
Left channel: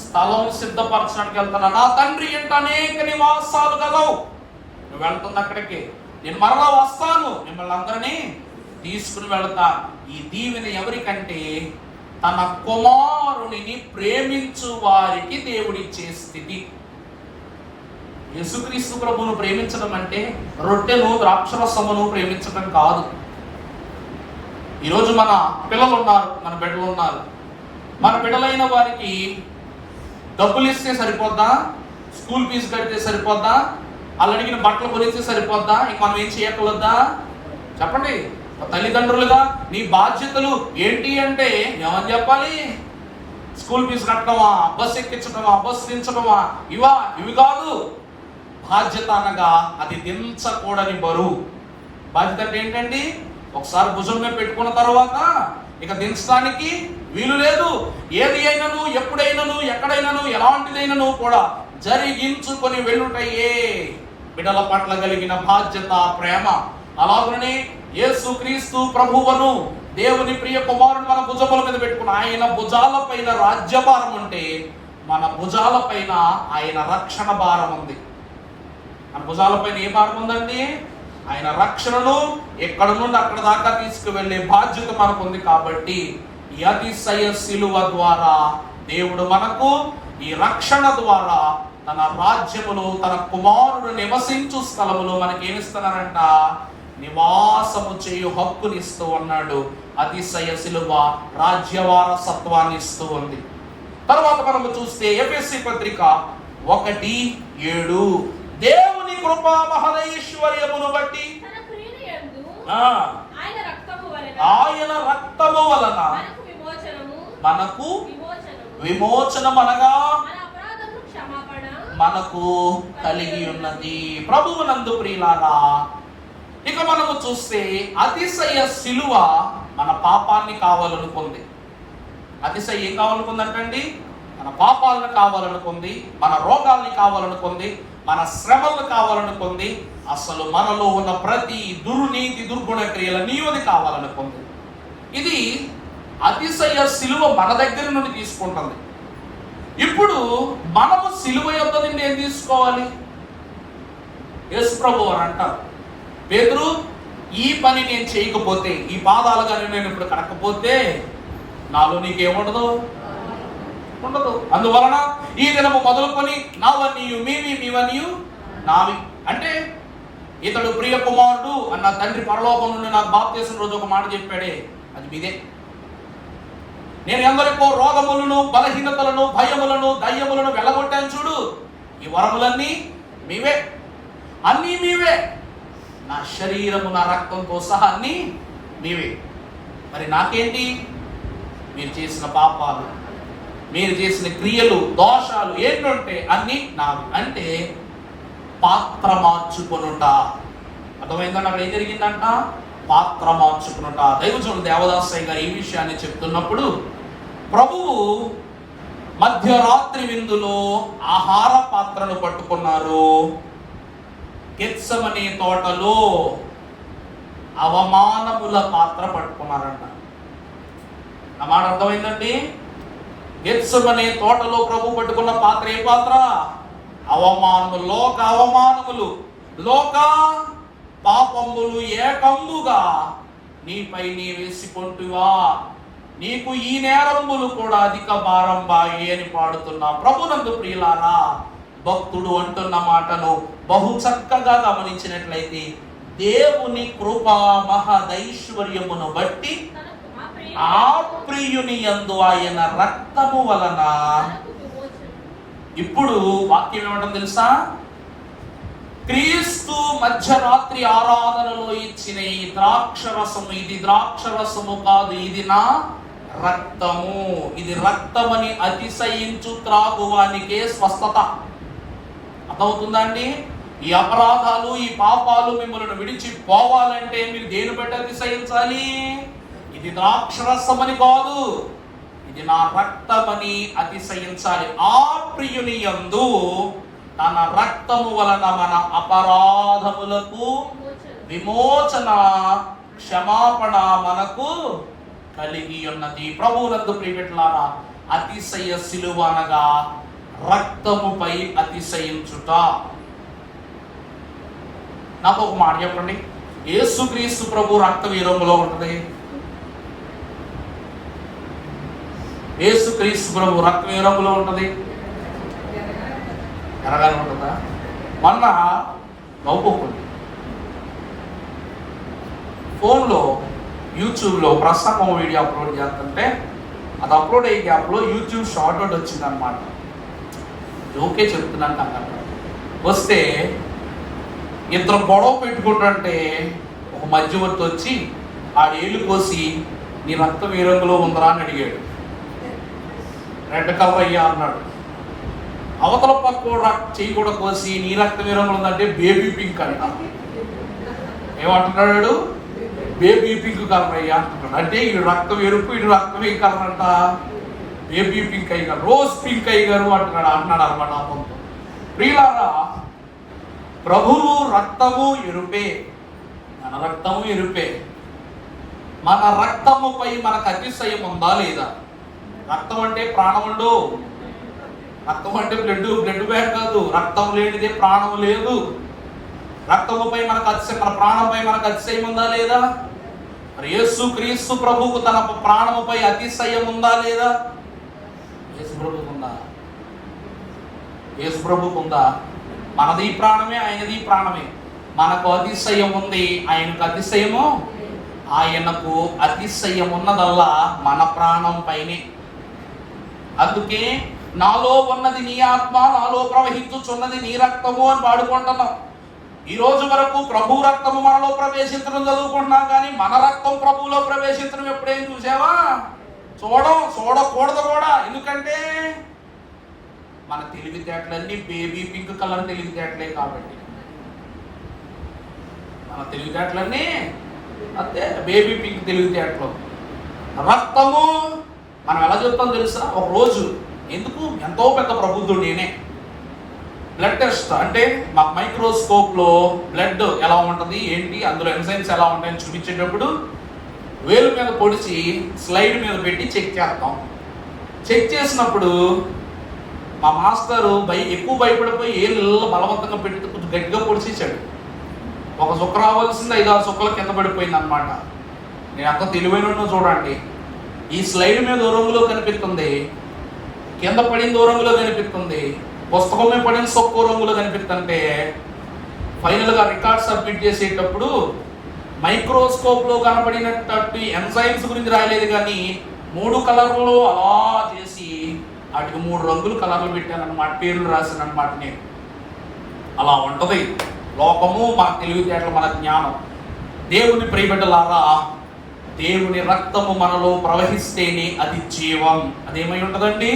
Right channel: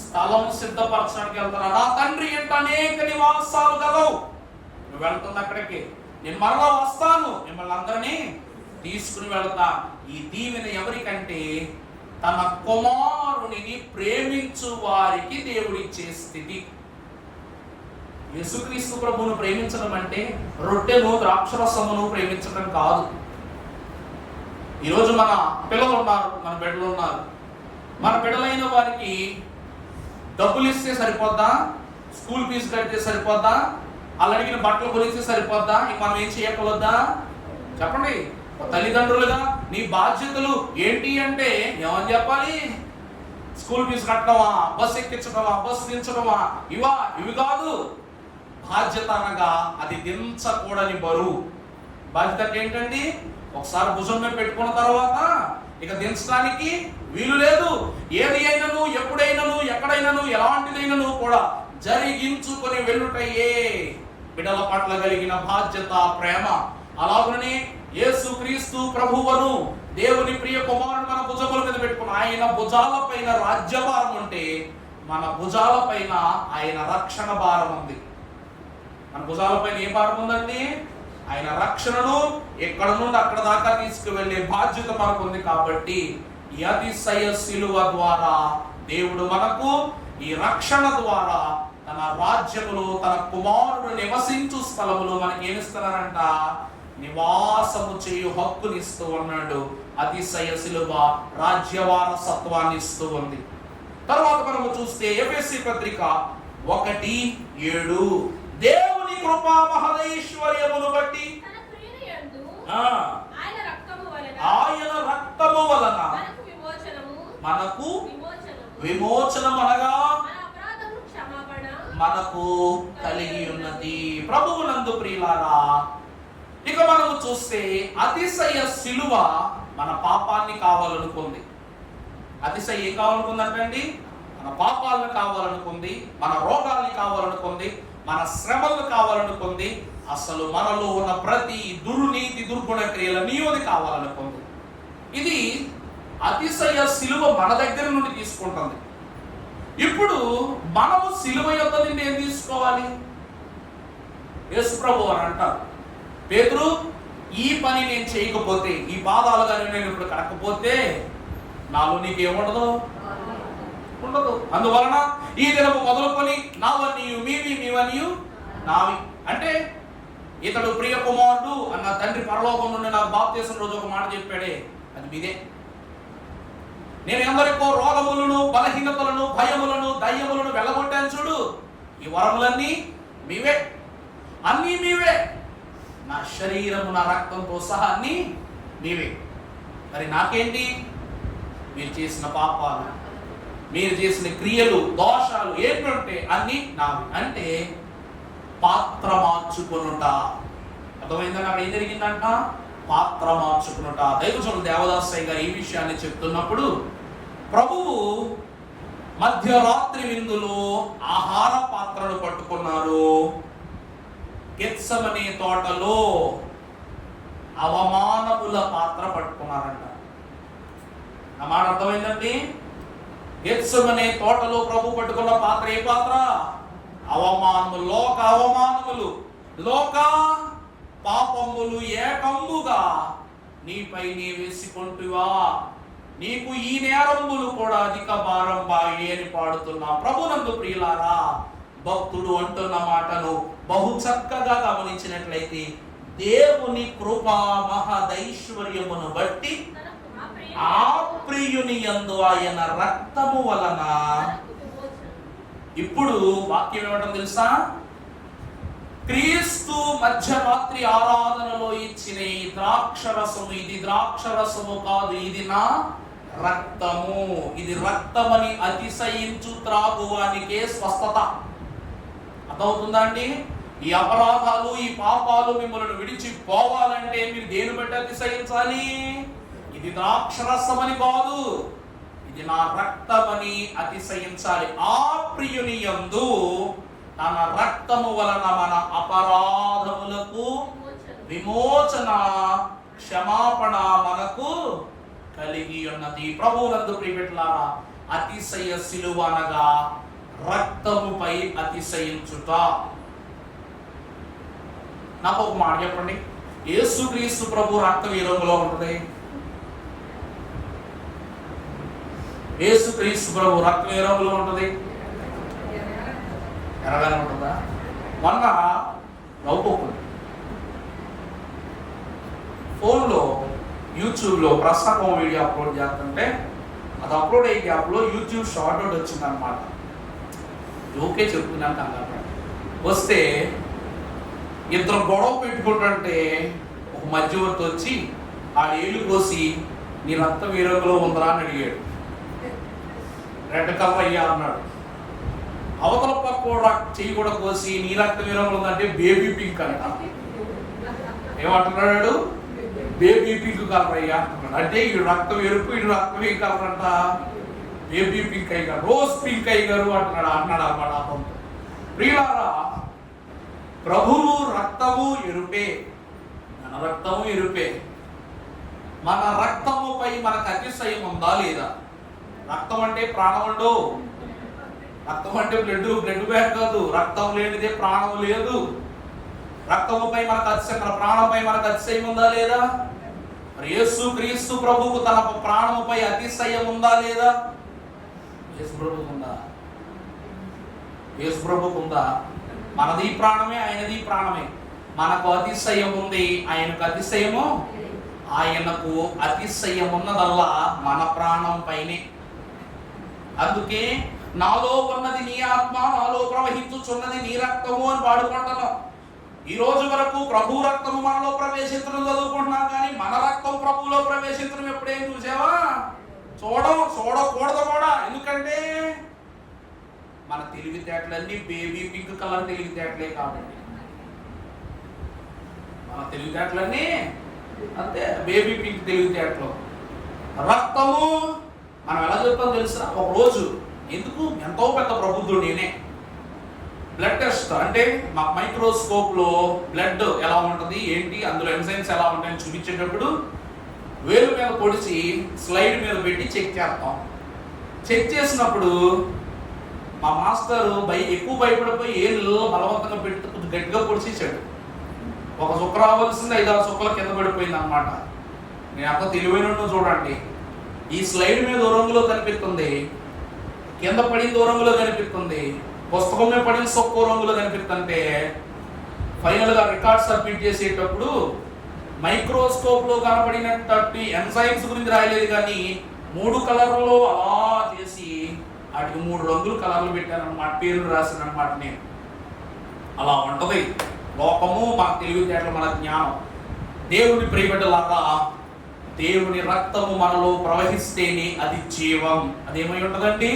స్థలం సిద్ధపరచడానికి వెళ్తున్నాను. నా తండ్రి ఏంట అనేక నివాసాలు గలవు. నువ్వు వెళ్తున్న అక్కడికి, నేను మరలా వస్తాను, మిమ్మల్ని అందరినీ తీసుకుని వెళ్తా. ఈ దీవెన ఎవరికంటే తన కుమారుని ప్రేమించు వారికి దేవుడిచ్చే స్థితి. యేసుక్రీస్తు ప్రభువును ప్రేమించడం అంటే రొట్టెను ద్రాక్షరసమును ప్రేమించడం కాదు. ఈరోజు మన పిల్లలు ఉన్నారు, మన బిడ్డలు ఉన్నారు. మన బిడ్డలైన వారికి డబ్బులు ఇస్తే సరిపోద్దా? స్కూల్ ఫీజు కడితే సరిపోద్దా? వాళ్ళు అడిగిన బట్టలు కొనిస్తే సరిపోద్దా? ఇంక మనం ఏం చేయగలదా? చెప్పండి. తల్లిదండ్రులుగా నీ బాధ్యతలు ఏంటి అంటే ఏమని చెప్పాలి? స్కూల్ ఫీజు కట్టడమా, బస్ ఎక్కించడమా, బస్ దించడమా, ఇవి కాదు. బాధ్యత అనగా అది దించకూడని బరువు. బాధ్యత అంటే ఏంటండి? ఒకసారి భుజం మీద పెట్టుకున్న తర్వాత ఇక దించడానికి వీలు లేదు. ఏది అయినను, ఎప్పుడైనను, ఎక్కడైనను, ఎలాంటిదైనను కూడా జరిగించుకొని వెళ్ళుటయే బిడ్డల పట్ల కలిగిన బాధ్యత, ప్రేమ. అలాగనే యేసుక్రీస్తు ప్రభువును, దేవుని ప్రియ కుమారుని మన భుజముల మీద పెట్టుకుని ఆయన భుజాల పైన రాజ్యభారం ఉంటే మన భుజాల పైన ఆయన రక్షణ భారం ఉంది. మన భుజాల పైన ఏ భారం ఉందండి? ఆయన రక్షణను ఎక్కడ నుండి అక్కడ దాకా తీసుకువెళ్ళే బాధ్యత మనకు ఉంది. కాబట్టి ఈ అతిశయ శిలువ ద్వారా దేవుడు మనకు ఈ రక్షణ ద్వారా తన రాజ్యములో తన కుమారుడు నివసించు స్థలములో మనకి ఏమిస్తున్నారంట? నివాసము చేయు హక్కుని ఇస్తూ ఉన్నాడు. అతిశయ శిలువ రాజ్యవారసత్వాన్ని ఇస్తూ ఉంది. తర్వాత మనము చూస్తే ఎఫెసీ పత్రిక 1:7 దేవుని కృపా మహదైశ్వర్యమును బట్టి ఆయన రక్తము వలన మనకు విమోచనం అనగా మనకు కలిగి ఉన్నది. ప్రభువునందు ప్రియులారా, ఇక మనము చూస్తే అతిశయ శిలువ మన పాపాన్ని కావాలనుకుంది. అతిశయ ఏం కావాలనుకుందంటండి? మన పాపాలను కావాలనుకుంది, మన రోగాల్ని కావాలనుకుంది, మన శ్రమలను కావాలనుకుంది, అసలు మనలో ఉన్న ప్రతి దుర్నీతి దుర్గుణ క్రియలన్నీ కావాలనుకుంది. ఇది అతిశయ శిలువ మన దగ్గర నుండి తీసుకుంటుంది. ఇప్పుడు మనము శిలువ యొక్క నుండి ఏం తీసుకోవాలి? యేసు ప్రభు అని అంటారు, పేతురు ఈ పని నేను చేయకపోతే, ఈ పాదాలు కానీ నేను ఇప్పుడు కడకపోతే నాలో నీకేముండదు? ఉండదు. అందువలన ఈ దినము మొదలుకొని నావన్నీయు మీవి, మీవన్నీయు నావి. అంటే ఇతడు ప్రియ కుమారుడు అన్న తండ్రి పరలోకం నుండి నాకు బాప్తిసం రోజు ఒక మాట చెప్పాడే, అది మీదే. నేను ఎందరికో రోగములను, బలహీనతలను, భయములను, దయ్యములను వెళ్ళగొట్టాను చూడు. ఈ వరములన్నీ మీవే, అన్నీ మీవే. నా శరీరము, నా రక్తంతో సహా అన్నీ మీవే. మరి నాకేంటి? మీరు చేసిన పాపాలు, మీరు చేసిన క్రియలు, దోషాలు ఏంటంటే అన్ని నావి. అంటే పాత్ర మార్చుకొనుట. అర్థమైందండి? అక్కడ ఏం జరిగిందంట? పాత్ర మార్చుకునుట. దైవజనుడు దేవదాసయ్య గారు ఈ విషయాన్ని చెప్తున్నప్పుడు, ప్రభువు మధ్యరాత్రి విందులో ఆహార పాత్రను పట్టుకున్నారు. గెత్సెమనే తోటలో అవమానముల పాత్ర పట్టుకున్నారంట. నా మాట అర్థమైందండి? గెత్సెమనే తోటలో ప్రభు పట్టుకున్న పాత్ర ఏ పాత్ర? అవమానములు, లోక అవమానములు, లోక పాపములు ఏకమ్ముగా నీపై నీ వేసుకుంటువా, నీకు ఈ నేరములు కూడా అధిక భారం బాయి అని పాడుతున్నా. ప్రభునందు ప్రియులారా, భక్తుడు అంటున్న మాటను బహు చక్కగా గమనించినట్లయితే, దేవుని కృపా మహదైశ్వర్యమును బట్టి ఆ ప్రియుని యందు ఆయన రక్తము వలన. ఇప్పుడు వాక్యం ఏమంటుంది తెలుసా? క్రీస్తు మధ్యరాత్రి ఆరాధనలో ఇచ్చిన ఈ ద్రాక్షరసము, ఇది ద్రాక్షరసము కాదు, ఇది నా రక్తము, ఇది రక్తమని అతిశయించు త్రాగువానికే స్వస్థత. అర్థమవుతుందా అండి? ఈ అపరాధాలు, ఈ పాపాలు మిమ్మల్ని విడిచిపోవాలంటే మీరు దేని బట్టి అతిశయించాలి? ఇది ద్రాక్షరసమని కాదు, ఇది నా రక్తమని అతిశయించాలి. ఆ ప్రియుని యందు తన రక్తము వలన మన అపరాధములకు విమోచన, క్షమాపణ మనకు కలిగి ఉన్నది. ప్రభువునందు ప్రియమిత్రులారా, అతిశయ శిలువ అనగా రక్తముపై అతిశయించుట. నాకు ఒక మాట చెప్పండి, యేసుక్రీస్తు ప్రభు రక్తం ఏ రంగులో ఉంటది? యేసుక్రీస్తు ప్రభు రక్తం ఏ రంగులో ఉంటది? ఎర్రగానే ఉంటుందా? మొన్న నవ్వుకోండి, ఫోన్లో యూట్యూబ్లో ప్రసంగం వీడియో అప్లోడ్ చేస్తుంటే, అది అప్లోడ్ అయ్యే గ్యాప్లో యూట్యూబ్ షార్ట్ అవుట్ వచ్చింది అనమాట. ఓకే చెప్తున్నాను అన్నట్టు వస్తే ఇద్దరు గొడవ పెట్టుకుంటుంటే ఒక మధ్యవర్తి వచ్చి ఆడేళ్ళు కోసి, నీ రక్తం ఏ రంగులో ఉందరా అని అడిగాడు. రెడ్ కలర్ అయ్యా అన్నాడు. అవతల పక్క చెయ్యి కూడా కోసి, నీ రక్తం ఏ రంగులో ఉందంటే బేబీ పింక్ అంట. ఏమంటున్నాడు? బేబీ పింక్ కలర్ అయ్యా అంటున్నాడు. అంటే ఇడు రక్తం ఎరుపు, ఇడు రక్తం ఏ కలర్ అంట? బేబీ పింక్ అయ్యారు, రోజ్ పింక్ అయ్యారు అంటున్నాడు అన్నమాట. ప్రియులారా, ప్రభువు రక్తము ఎరుపే, మన రక్తము ఎరుపే. మన రక్తముపై మనకు అతిశయం ఉందా లేదా? రక్తం అంటే ప్రాణముండు, రక్తం అంటే బ్లడ్ బ్యాగ్ కాదు. రక్తం లేనిదే ప్రాణం లేదు. రక్తముపై మనకు అతిశయం, మన ప్రాణంపై మనకు అతిశయం ఉందా లేదా? మరి యేసు క్రీస్తు ప్రభువుకు తన ప్రాణముపై అతిశయం ఉందా లేదా? యేసు ప్రభువుకు ఉందా? యేసు ప్రభువుకు ఉందా? మనది ప్రాణమే, ఆయనది ప్రాణమే. మనకు అతిశయం ఉంది, ఆయనకు అతిశయము. ఆయనకు అతిశయం ఉన్నదల్లా మన ప్రాణం పైనే. అందుకే నాలో ఉన్నది నీ ఆత్మ, నాలో ప్రవహించుచున్నది నీ రక్తము అని పాడుకుంటున్నాం. ఈ రోజు వరకు ప్రభు రక్తము మనలో ప్రవేశించడం చదువుకుంటున్నాం, కానీ మన రక్తం ప్రభువులో ప్రవేశించడం ఎప్పుడేం చూసావా? చూడకూడదు కూడా. ఎందుకంటే మన తెలివితేటలన్నీ బేబీ పింక్ కలర్ తెలివితేటలే కాబట్టి. మన తెలివితేటలన్నీ అంతే బేబీ పింక్ తెలివితేటలు. రక్తము మనం ఎలా చెప్తాం తెలుసా? ఒక రోజు ఎందుకు ఎంతో పెద్ద ప్రబుద్ధుడు నేనే బ్లడ్ టెస్ట్ అంటే మా మైక్రోస్కోప్ లో బ్లడ్ ఎలా ఉంటది ఏంటి, అందులో ఎంజైమ్స్ ఎలా ఉంటాయని చూపించేటప్పుడు వేలు మీద పొడిచి స్లైడ్ మీద పెట్టి చెక్ చేస్తాం. చెక్ చేసినప్పుడు మా మాస్టరు ఎక్కువ భయపడిపోయి ఏళ్ళు బలవంతంగా పెట్టి కొంచెం గట్టిగా పొడిచేసాడు. ఒక చుక్క రావాల్సింది 5-6 చుక్కల కింద పడిపోయింది అనమాట. నేను అంత తెలివైన చూడండి, ఈ స్లైడ్ మీద రంగులో కనిపిస్తుంది, కింద పడిన రంగులో కనిపిస్తుంది, పుస్తకం మీద పడిన సొక్కో రంగులో కనిపిస్తుంటే ఫైనల్ గా రికార్డ్ సబ్మిట్ చేసేటప్పుడు మైక్రోస్కోప్ లో కనబడినట్టు ఎంజైమ్స్ గురించి రాయలేదు, కానీ 3 కలర్లు అలా చేసి వాటికి 3 రంగులు కలర్లు పెట్టాను అనమాట, పేర్లు రాశాను అనమాట. నేను అలా ఉంటది లోకము, మన తెలివితేటలు, మన జ్ఞానం. దేవుని ప్రియబిడ్డలారా, దేవుని రక్తము మనలో ప్రవహిస్తేనే అది జీవం. అదేమై ఉంటదండి?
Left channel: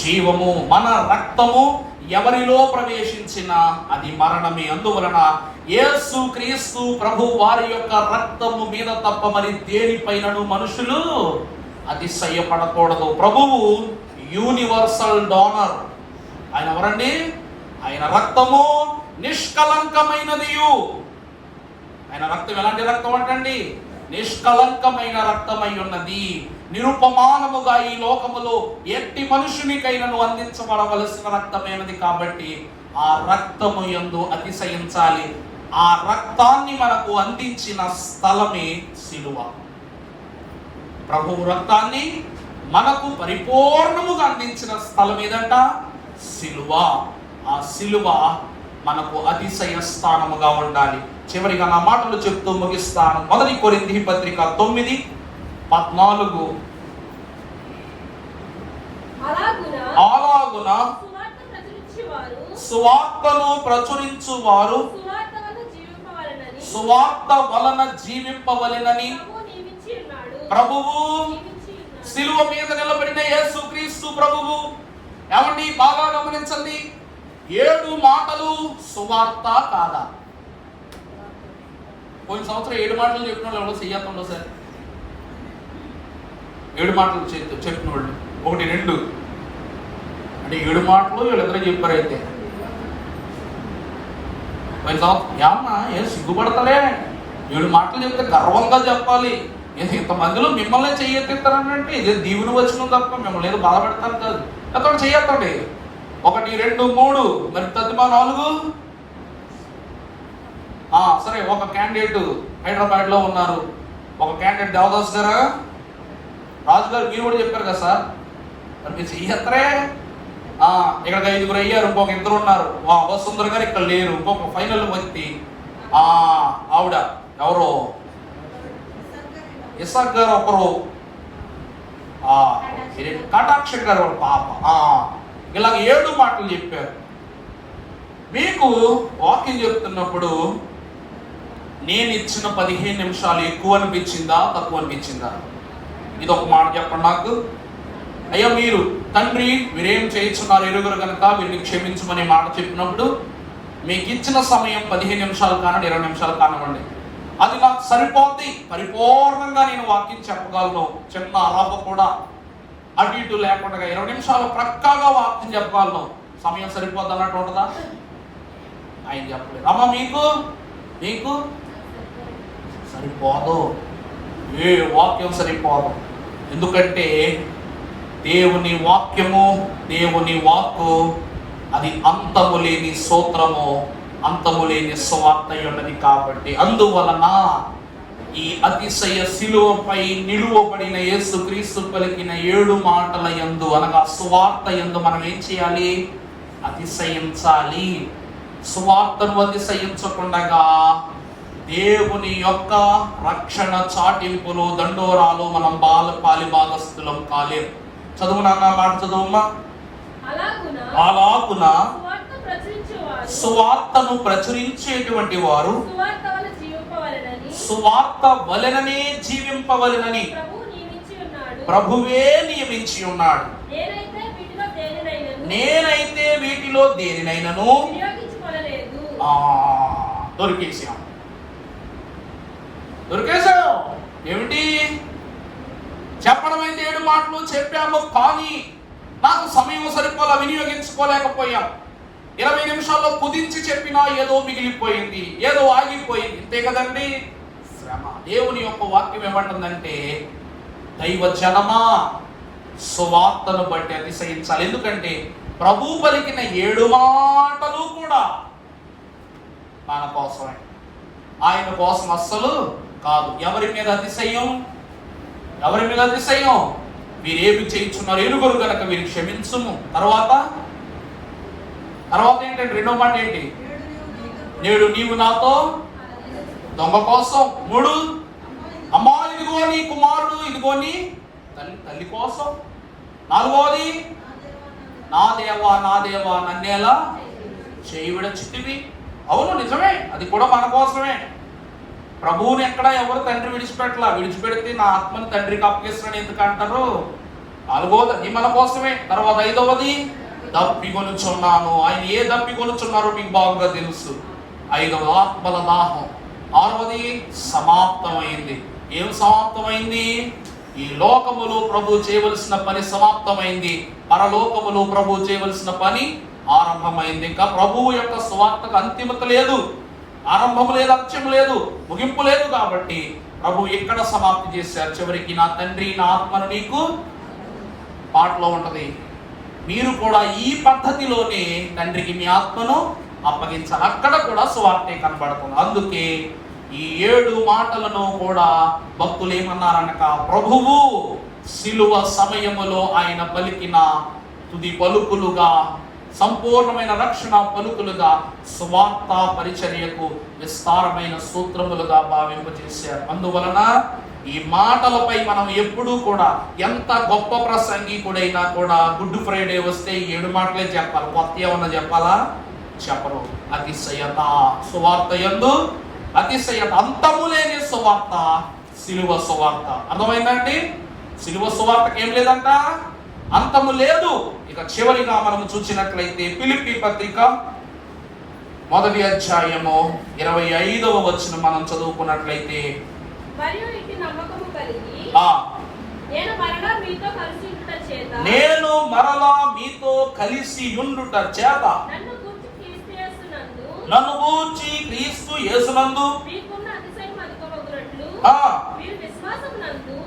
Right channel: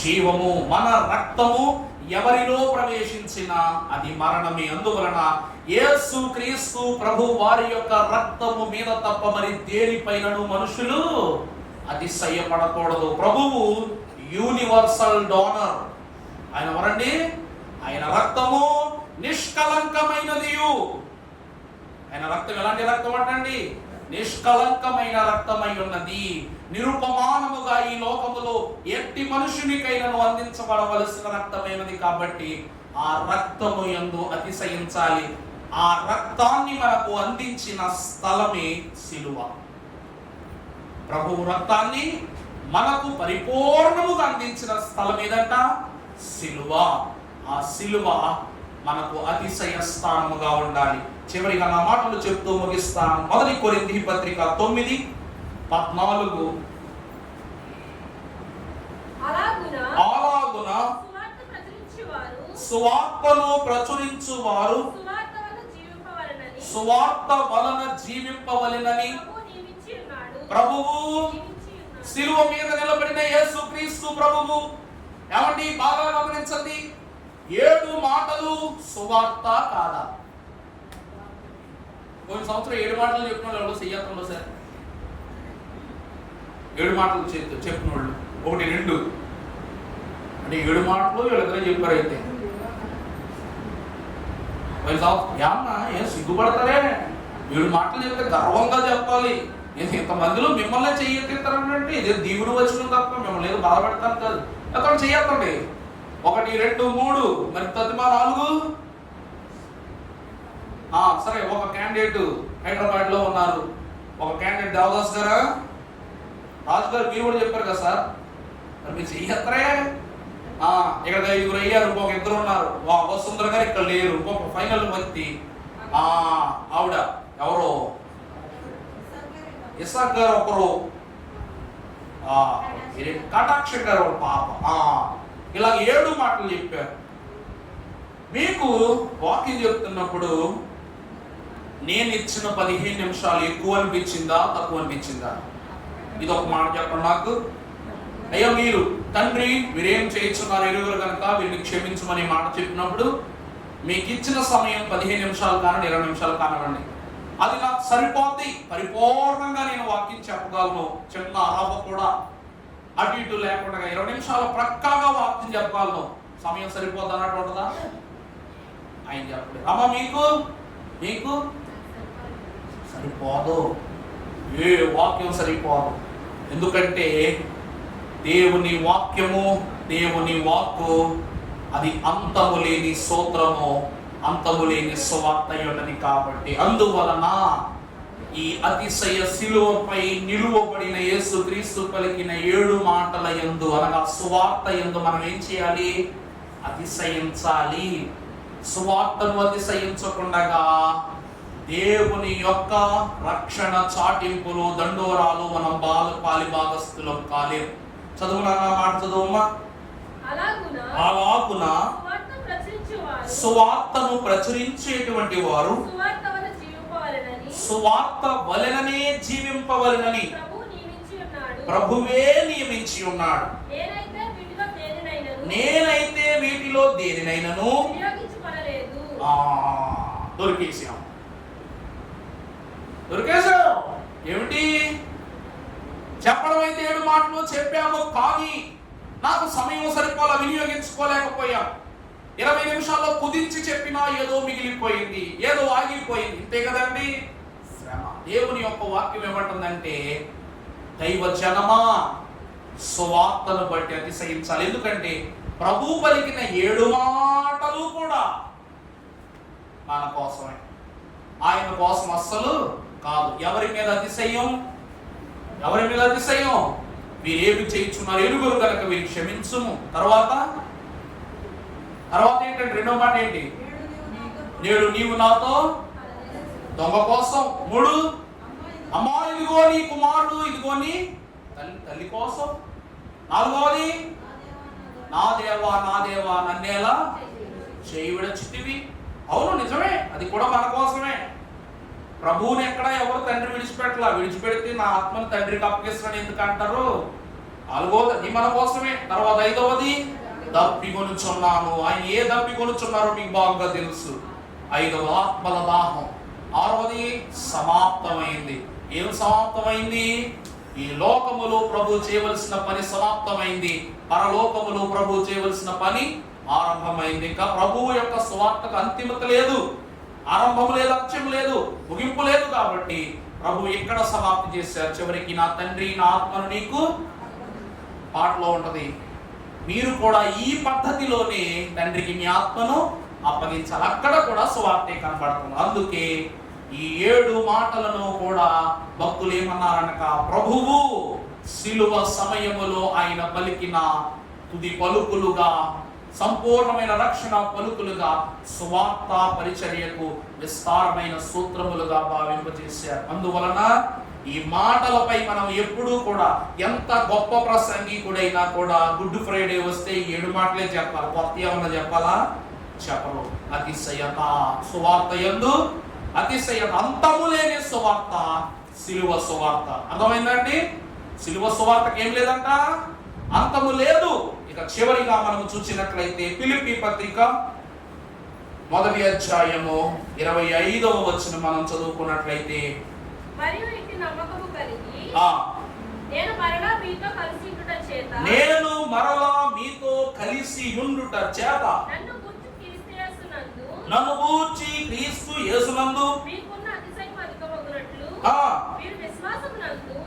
జీవము. మన రక్తము ఎవరిలో ప్రవేశించినా అది మరణమే. అందువలన యేసు క్రీస్తు ప్రభు వారి యొక్క రక్తము మీద తప్ప మరి దేనిపైనను మనుషులు అతిశయపడకూడదు. ప్రభువు యూనివర్సల్ డోనర్. ఆయన ఎవరండి? ఆయన రక్తము నిష్కలంకమైనది. ఆయన రక్తం ఎలాంటి రక్తం అంటండి? నిష్కలంకమైన రక్తమై ఉన్నది. నిరుపమానముగా ఈ లోకములో ఎట్టి మనుషునికైనను అందించబడవలసిన రక్తమైనది. కాబట్టి ఆ రక్తము యందు అతిశయించాలి. ఆ రక్తాన్ని మనకు అందించిన స్థలమే సిలువ. ప్రభువు రక్తాన్ని మనకు పరిపూర్ణముగా అందించిన స్థలం ఏదంట? సిలువ. ఆ సిలువ మనకు అతిశయ స్థానముగా ఉండాలి. చివరిగా నా మాటలు చెప్తూ ముగిస్తాను. 1 కొరింథీ పత్రిక 9:14. అలాగున సువార్తను ప్రచురించువారు సువార్త వలన జీవింపవలెనని ప్రభువు సిలువ మీద నిలబడిన యేసు క్రీస్తు ప్రభువు. ఏమండి, బాగా గమనించండి, 7 మాటలు సువార్త కాదా? పోయిన సంవత్సరం 7 మాటలు చెప్పిన వాళ్ళు ఎవరు చెయ్యాలి సార్? 7 మాటలు చెప్పిన వాళ్ళు 1, 2 అంటే 7 మాటలు వీళ్ళిద్దరే చెప్పారు. అయితే పోయిన సంవత్సరం ఏమన్నా ఏం సిగ్గుపడతారే? 7 మాటలు చెప్తే గర్వంగా చెప్పాలి. ఇంతమందిలో మిమ్మల్ని చెయ్యెత్తిస్తారంటే ఇదే దీవుడు వచ్చిన తప్ప మిమ్మల్ని ఏదో బాధపడతాను కాదు. అక్కడ చెయ్యొద్దండి. 1, 2, 3 మరి తదిమా 4. సరే, ఒక క్యాండిడేట్ హైదరాబాద్ లో ఉన్నారు. ఒక క్యాండిడేట్ దేవదాస్ గారు, రాజు గారు మీరు కూడా చెప్పారు కదా సార్, మరి మీరు చెయ్యత్రే. ఇక్కడ 5 అయ్యారు, ఇంకొక 2 ఉన్నారు. వసుంధర గారు ఇక్కడ లేరు. ఇంకొక ఫైనల్ వ్యక్తి ఆవిడ ఎవరు? ఇసాక్ గారు ఒకరు, కటాక్ష గారు పాప. ఇలాగ 7 మాటలు చెప్పారు. మీకు వాకింగ్ చెప్తున్నప్పుడు నేను ఇచ్చిన 15 నిమిషాలు ఎక్కువ అనిపించిందా తక్కువ అనిపించిందా? ఇది ఒక మాట చెప్పండి నాకు. అయ్యా, మీరు తండ్రి వీరేం చేయించున్నారు ఎరుగురు కనుక వీరిని క్షమించమని మాట చెప్పినప్పుడు మీకు ఇచ్చిన సమయం 15 నిమిషాలు కానివ్వండి, 20 నిమిషాలు కానివ్వండి, అది నాకు సరిపోద్ది. పరిపూర్ణంగా నేను వాక్యం చెప్పగలను. చిన్న అలవ కూడా అటు ఇటు లేకుండా 20 నిమిషాలు ప్రక్కాగా వాక్యం చెప్పగలను. సమయం సరిపోద్ది అన్నట్టు ఉంటుందా? ఆయన చెప్పలేదు. అమ్మా, మీకు సరిపోదు. ఏ వాక్యం సరిపోదు. ఎందుకంటే దేవుని వాక్యము, దేవుని వాక్కు అది అంతము లేని సూత్రము, అంతము లేని సువార్త ఉన్నది. కాబట్టి అందువలన ఈ అతిశయ శిలువపై నిలువబడిన యేసుక్రీస్తు పలికిన 7 మాటల యందు అనగా సువార్త యందు మనం ఏం చేయాలి? అతిశయించాలి. సువార్తను అతిశయించకుండగా దేవుని యొక్క రక్షణ చాటింపులు, దండోరాలు మనం పాలి భాగస్థులం కాలేం. చదువు నాన్న, మాట చదువుమ్మా. అలాగున సువార్తను ప్రచురించేటువంటి వారు సువార్త వలెననే జీవింపవలెనని ప్రభువే నియమించి ఉన్నాడు. నేనైతే వీటిలో దేనినైనను దొరికేసాం. ఏమిటి చెప్పడం అయితే 7 మాటలు చెప్పాము, కానీ నాకు సమయం సరిపోలా, వినియోగించుకోలేకపోయా. 20 నిమిషాల్లో కుదించి చెప్పినా ఏదో మిగిలిపోయింది, ఏదో ఆగిపోయింది. ఇంతే కదండి శ్రమ. దేవుని యొక్క వాక్యం ఏమంటుందంటే, దైవ జనమా సువార్తను బట్టి అతిశయించాలి. ఎందుకంటే ప్రభు పలికిన 7 మాటలు కూడా మన కోసమే, ఆయన కోసం అస్సలు కాదు. ఎవరి మీద అతిశయం? ఎవరి మీద అతిశయం? వీరేమి చేయించున్నారు ఎరుగురు గనక వీరికి క్షమించుము. తర్వాత ఏంటంటే రెండో మాట ఏంటి? నేడు నీవు నాతో దొంగ కోసం. 3 అమ్మా ఇదిగో నీ కుమారుడు, ఇదిగో నీ తల్లి కోసం. 4వది నా దేవా నన్నేలా చేయి విడచితివి. అవును, నిజమే, అది కూడా మన కోసమే. ప్రభువుని ఎక్కడ ఎవరు తండ్రి విడిచిపెట్టలా. విడిచిపెడితే నా ఆత్మని తండ్రికి అప్పగిస్తున్నాడు ఎందుకు అంటారు? 4వది అది మన కోసమే. తర్వాత 5వది దప్పికొనుచున్నాను. ఆయన ఏ దప్పికొనుచున్నారో మీకు బాగా తెలుసు. 5వ ఆత్మల దాహం. 6వది సమాప్తమైంది. ఏం సమాప్తమైంది? ఈ లోకములో ప్రభు చేయవలసిన పని సమాప్తమైంది. పరలోకములో ప్రభు చేయవలసిన పని ఆరంభమైంది. ఇంకా ప్రభువు యొక్క సువార్తకు అంతిమత లేదు, ఆరంభం లేదు, అంత్యం లేదు, ముగింపు లేదు. కాబట్టి ప్రభు ఎక్కడ సమాప్తి చేశారు? చివరికి నా తండ్రి నా ఆత్మను నీకు పాటలో ఉంటది. మీరు కూడా ఈ పద్ధతిలోనే తండ్రికి మీ ఆత్మను అప్పగించాలి. అక్కడ కూడా సువార్తే కనబడుతుంది. అందుకే ఈ 7 మాటలను కూడా భక్తులు ఏమన్నారనక, ప్రభువు శిలువ సమయములో ఆయన పలికిన తుది పలుకులుగా, సంపూర్ణమైన రక్షణ పలుకులుగా, సువార్త పరిచర్యకు విస్తారమైన సూత్రములుగా భావింపజేశారు. అందువలన ఈ మాటలపై మనం ఎప్పుడూ కూడా, ఎంత గొప్ప ప్రసంగికుడైనా కూడా గుడ్ ఫ్రైడే వస్తే 7 మాటలే చెప్పాలి. కొత్త ఏమన్నా చెప్పాలా? చెప్పరు. అతిశయత సువార్త యందు అతిశయత, అంతము లేని సువార్త శిలువ సువార్త. అర్థమైందండి? శిలువ సువార్తకి ఏం లేదంట, అంతము లేదు. ఇక చివరిగా మనము చూసినట్లయితే ఫిలిప్పీ పత్రిక 1వ అధ్యాయము 25వ వచనం మనం చదువుకున్నట్లయితే, నేను మరలా మీతో కలిసి ఉండుట చేత నన్ను గూర్చి క్రీస్తు యేసునందు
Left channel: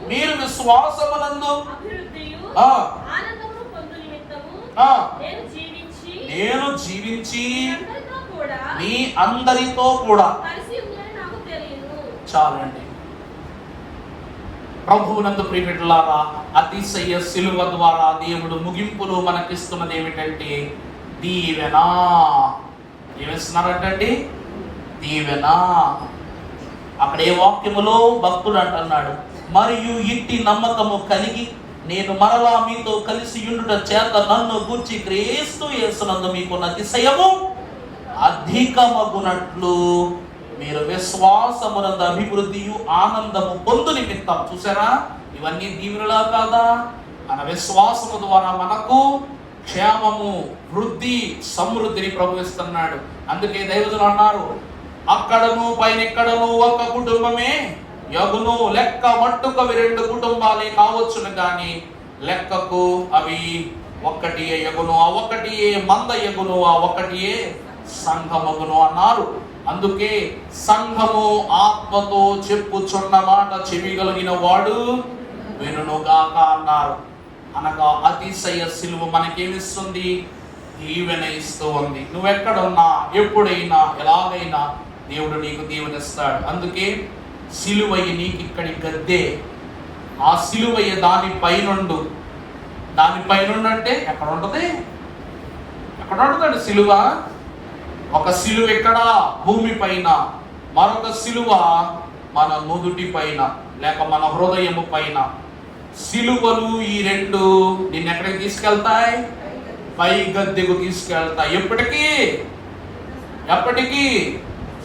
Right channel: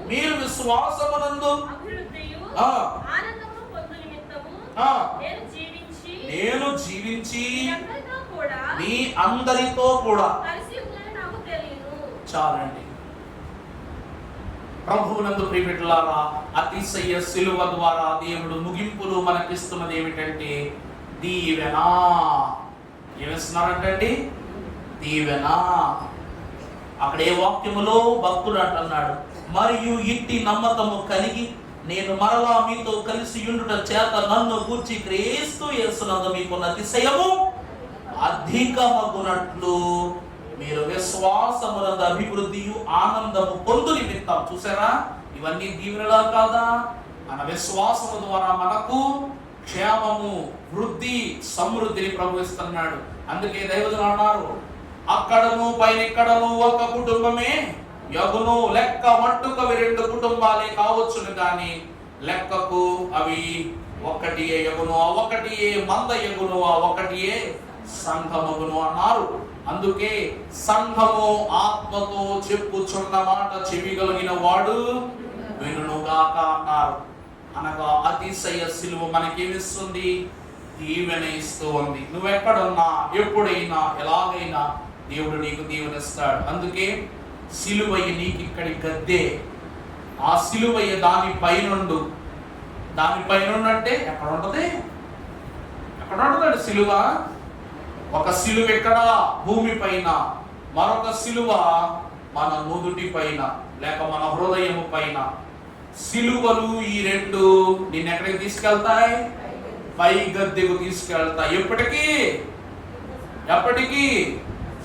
మీరు విశ్వాసమునందు నేను జీవించి మీ అందరితో కూడా. చాలండి. ప్రభువునందు ప్రియబిడ్డలారా, అతిశయ శిలువ ద్వారా దేవుడు ముగింపులో మనకిస్తున్నది ఏమిటంటే దీవెన. ఏమిస్తున్నారంటండి? దీవెన. అక్కడ ఏ వాక్యములో భక్తుడు అంటున్నాడు, మరియు ఇట్టి నమ్మకము కలిగి నేను మరలా మీతో కలిసి ఉండుట చేత నన్ను గూర్చి క్రీస్తు యేసునందు మీకున్న అతిశయము అధికమగునట్లు మీరు విశ్వాసమునందు అభివృద్ధియు ఆనందము పొందు నిమిత్తం. చూసారా, ఇవన్నీ దీవెనలా కాదా? మన విశ్వాసము ద్వారా మనకు క్షేమము, వృద్ధి, సమృద్ధిని ప్రభువిస్తున్నాడు. అందుకే దైవజనులు అన్నారు, అక్కడను పైనెక్కడను ఒక కుటుంబమే యగును, లెక్క మట్టుకు అవి 2 కుటుంబాలే కావచ్చును, కానీ లెక్కకు అవి ఒక్కటియే యగును, ఆ ఒక్కటియే మంద యగును, ఆ ఒక్కటియే సంఘమగును అన్నారు. అందుకే సంఘము ఆత్మతో చెప్పుచున్న మాట చెవిగలిగిన వాడు వినుగాక అన్నారు. అనగా అతిశయ సిలువ మనకేమిస్తుంది? దీవెన ఇస్తూ ఉంది. నువ్వెక్కడున్నా, ఎప్పుడైనా, ఎలాగైనా దేవుడు నీకు దీవెనిస్తాడు. అందుకే సిలువయ్య నీకు ఇక్కడి గద్దే. ఆ సిలువయ్య దానిపైనుండు. దానిపైనుండు అంటే ఎక్కడ ఉంటుంది? ఎక్కడ ఉంటుందండి సిలువ? ఒక సిలువ ఇక్కడ భూమి పైన, మరొక సిలువ మన నుదుటి పైన లేక మన హృదయము పైన. సిలువలు ఈ రెండు నిన్ను ఎక్కడికి తీసుకెళ్తాయి? పై గద్దెకు తీసుకెళ్తాయి. ఎప్పటికీ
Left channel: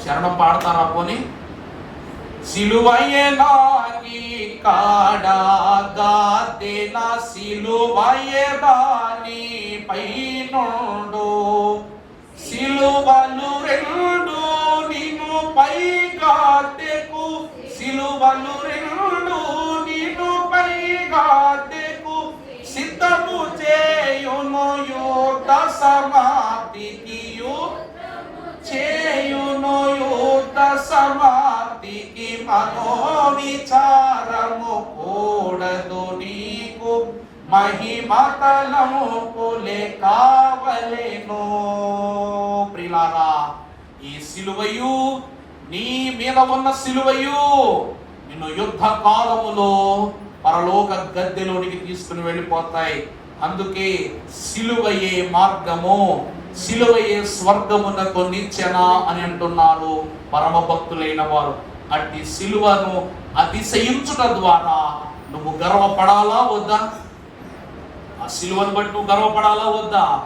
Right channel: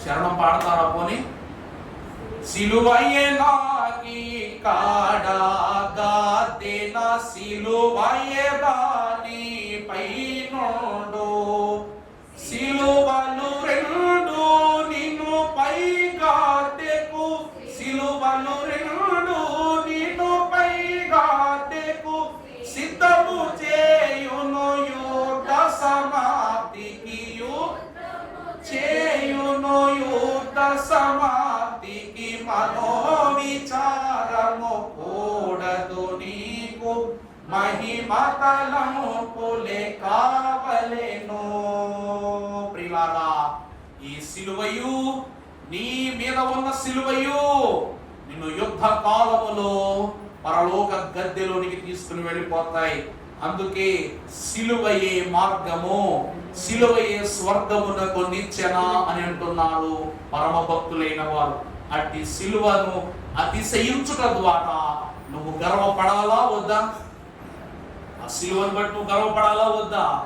శరణం పాడతారా పోనీ? సిలువయే నాకి కాడా గద్దెన సిలువయే బాని పైనుండు. సిలువలు రెండు నిన్ను పై గద్దెకు, సిలువలు రెండు నిన్ను పై గద్దెకు సిద్ధము చేయును. యుద్ధ సమాప్తికి చేయును. యుద్ధ సమాప్తికి మనోవిచారము కూడదు నీకు. మహిమతలము పొలే కావలెను. ప్రియులారా, ఈ సిలువయు, నీ మీద ఉన్న సిలువయు నిన్ను యుద్ధ కాలములో పరలోక గద్దెలోనికి తీసుకుని వెళ్ళిపోతాయి. అందుకే సిలువయే మార్గము, సిలువయే స్వర్గమునకు నిచ్చెన అని అంటున్నారు పరమ భక్తులైన వారు. అట్టి సిలువను అతిశయించుట ద్వారా నువ్వు గర్వపడాలా వద్దా? ఆ సిలువను బట్టి నువ్వు గర్వపడాలా వద్దా?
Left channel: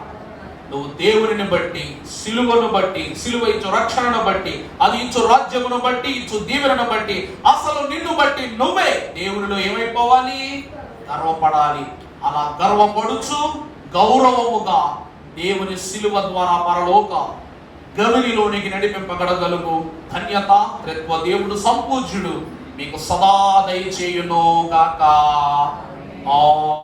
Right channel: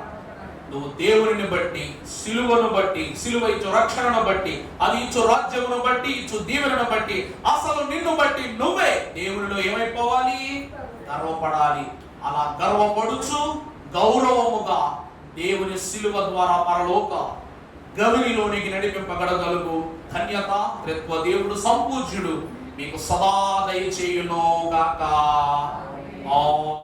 నువ్వు దేవుని బట్టి, సిలువను బట్టి, సిలువ ఇచ్చు రక్షణను బట్టి, అది ఇచ్చు రాజ్యమును బట్టి, ఇచ్చు దీవెనను బట్టి, అసలు నిన్ను బట్టి నువ్వే దేవునిలో ఏమైపోవాలి? గర్వపడాలి. అలా గర్వపడుచు గౌరవముగా దేవుని సిలువ ద్వారా పరలోక గవిలోనికి నడిపింపగలగలుగు ధన్యత, త్రిత్వ దేవుడు సంపూజ్యుడు మీకు సదా దయచేయును గాక.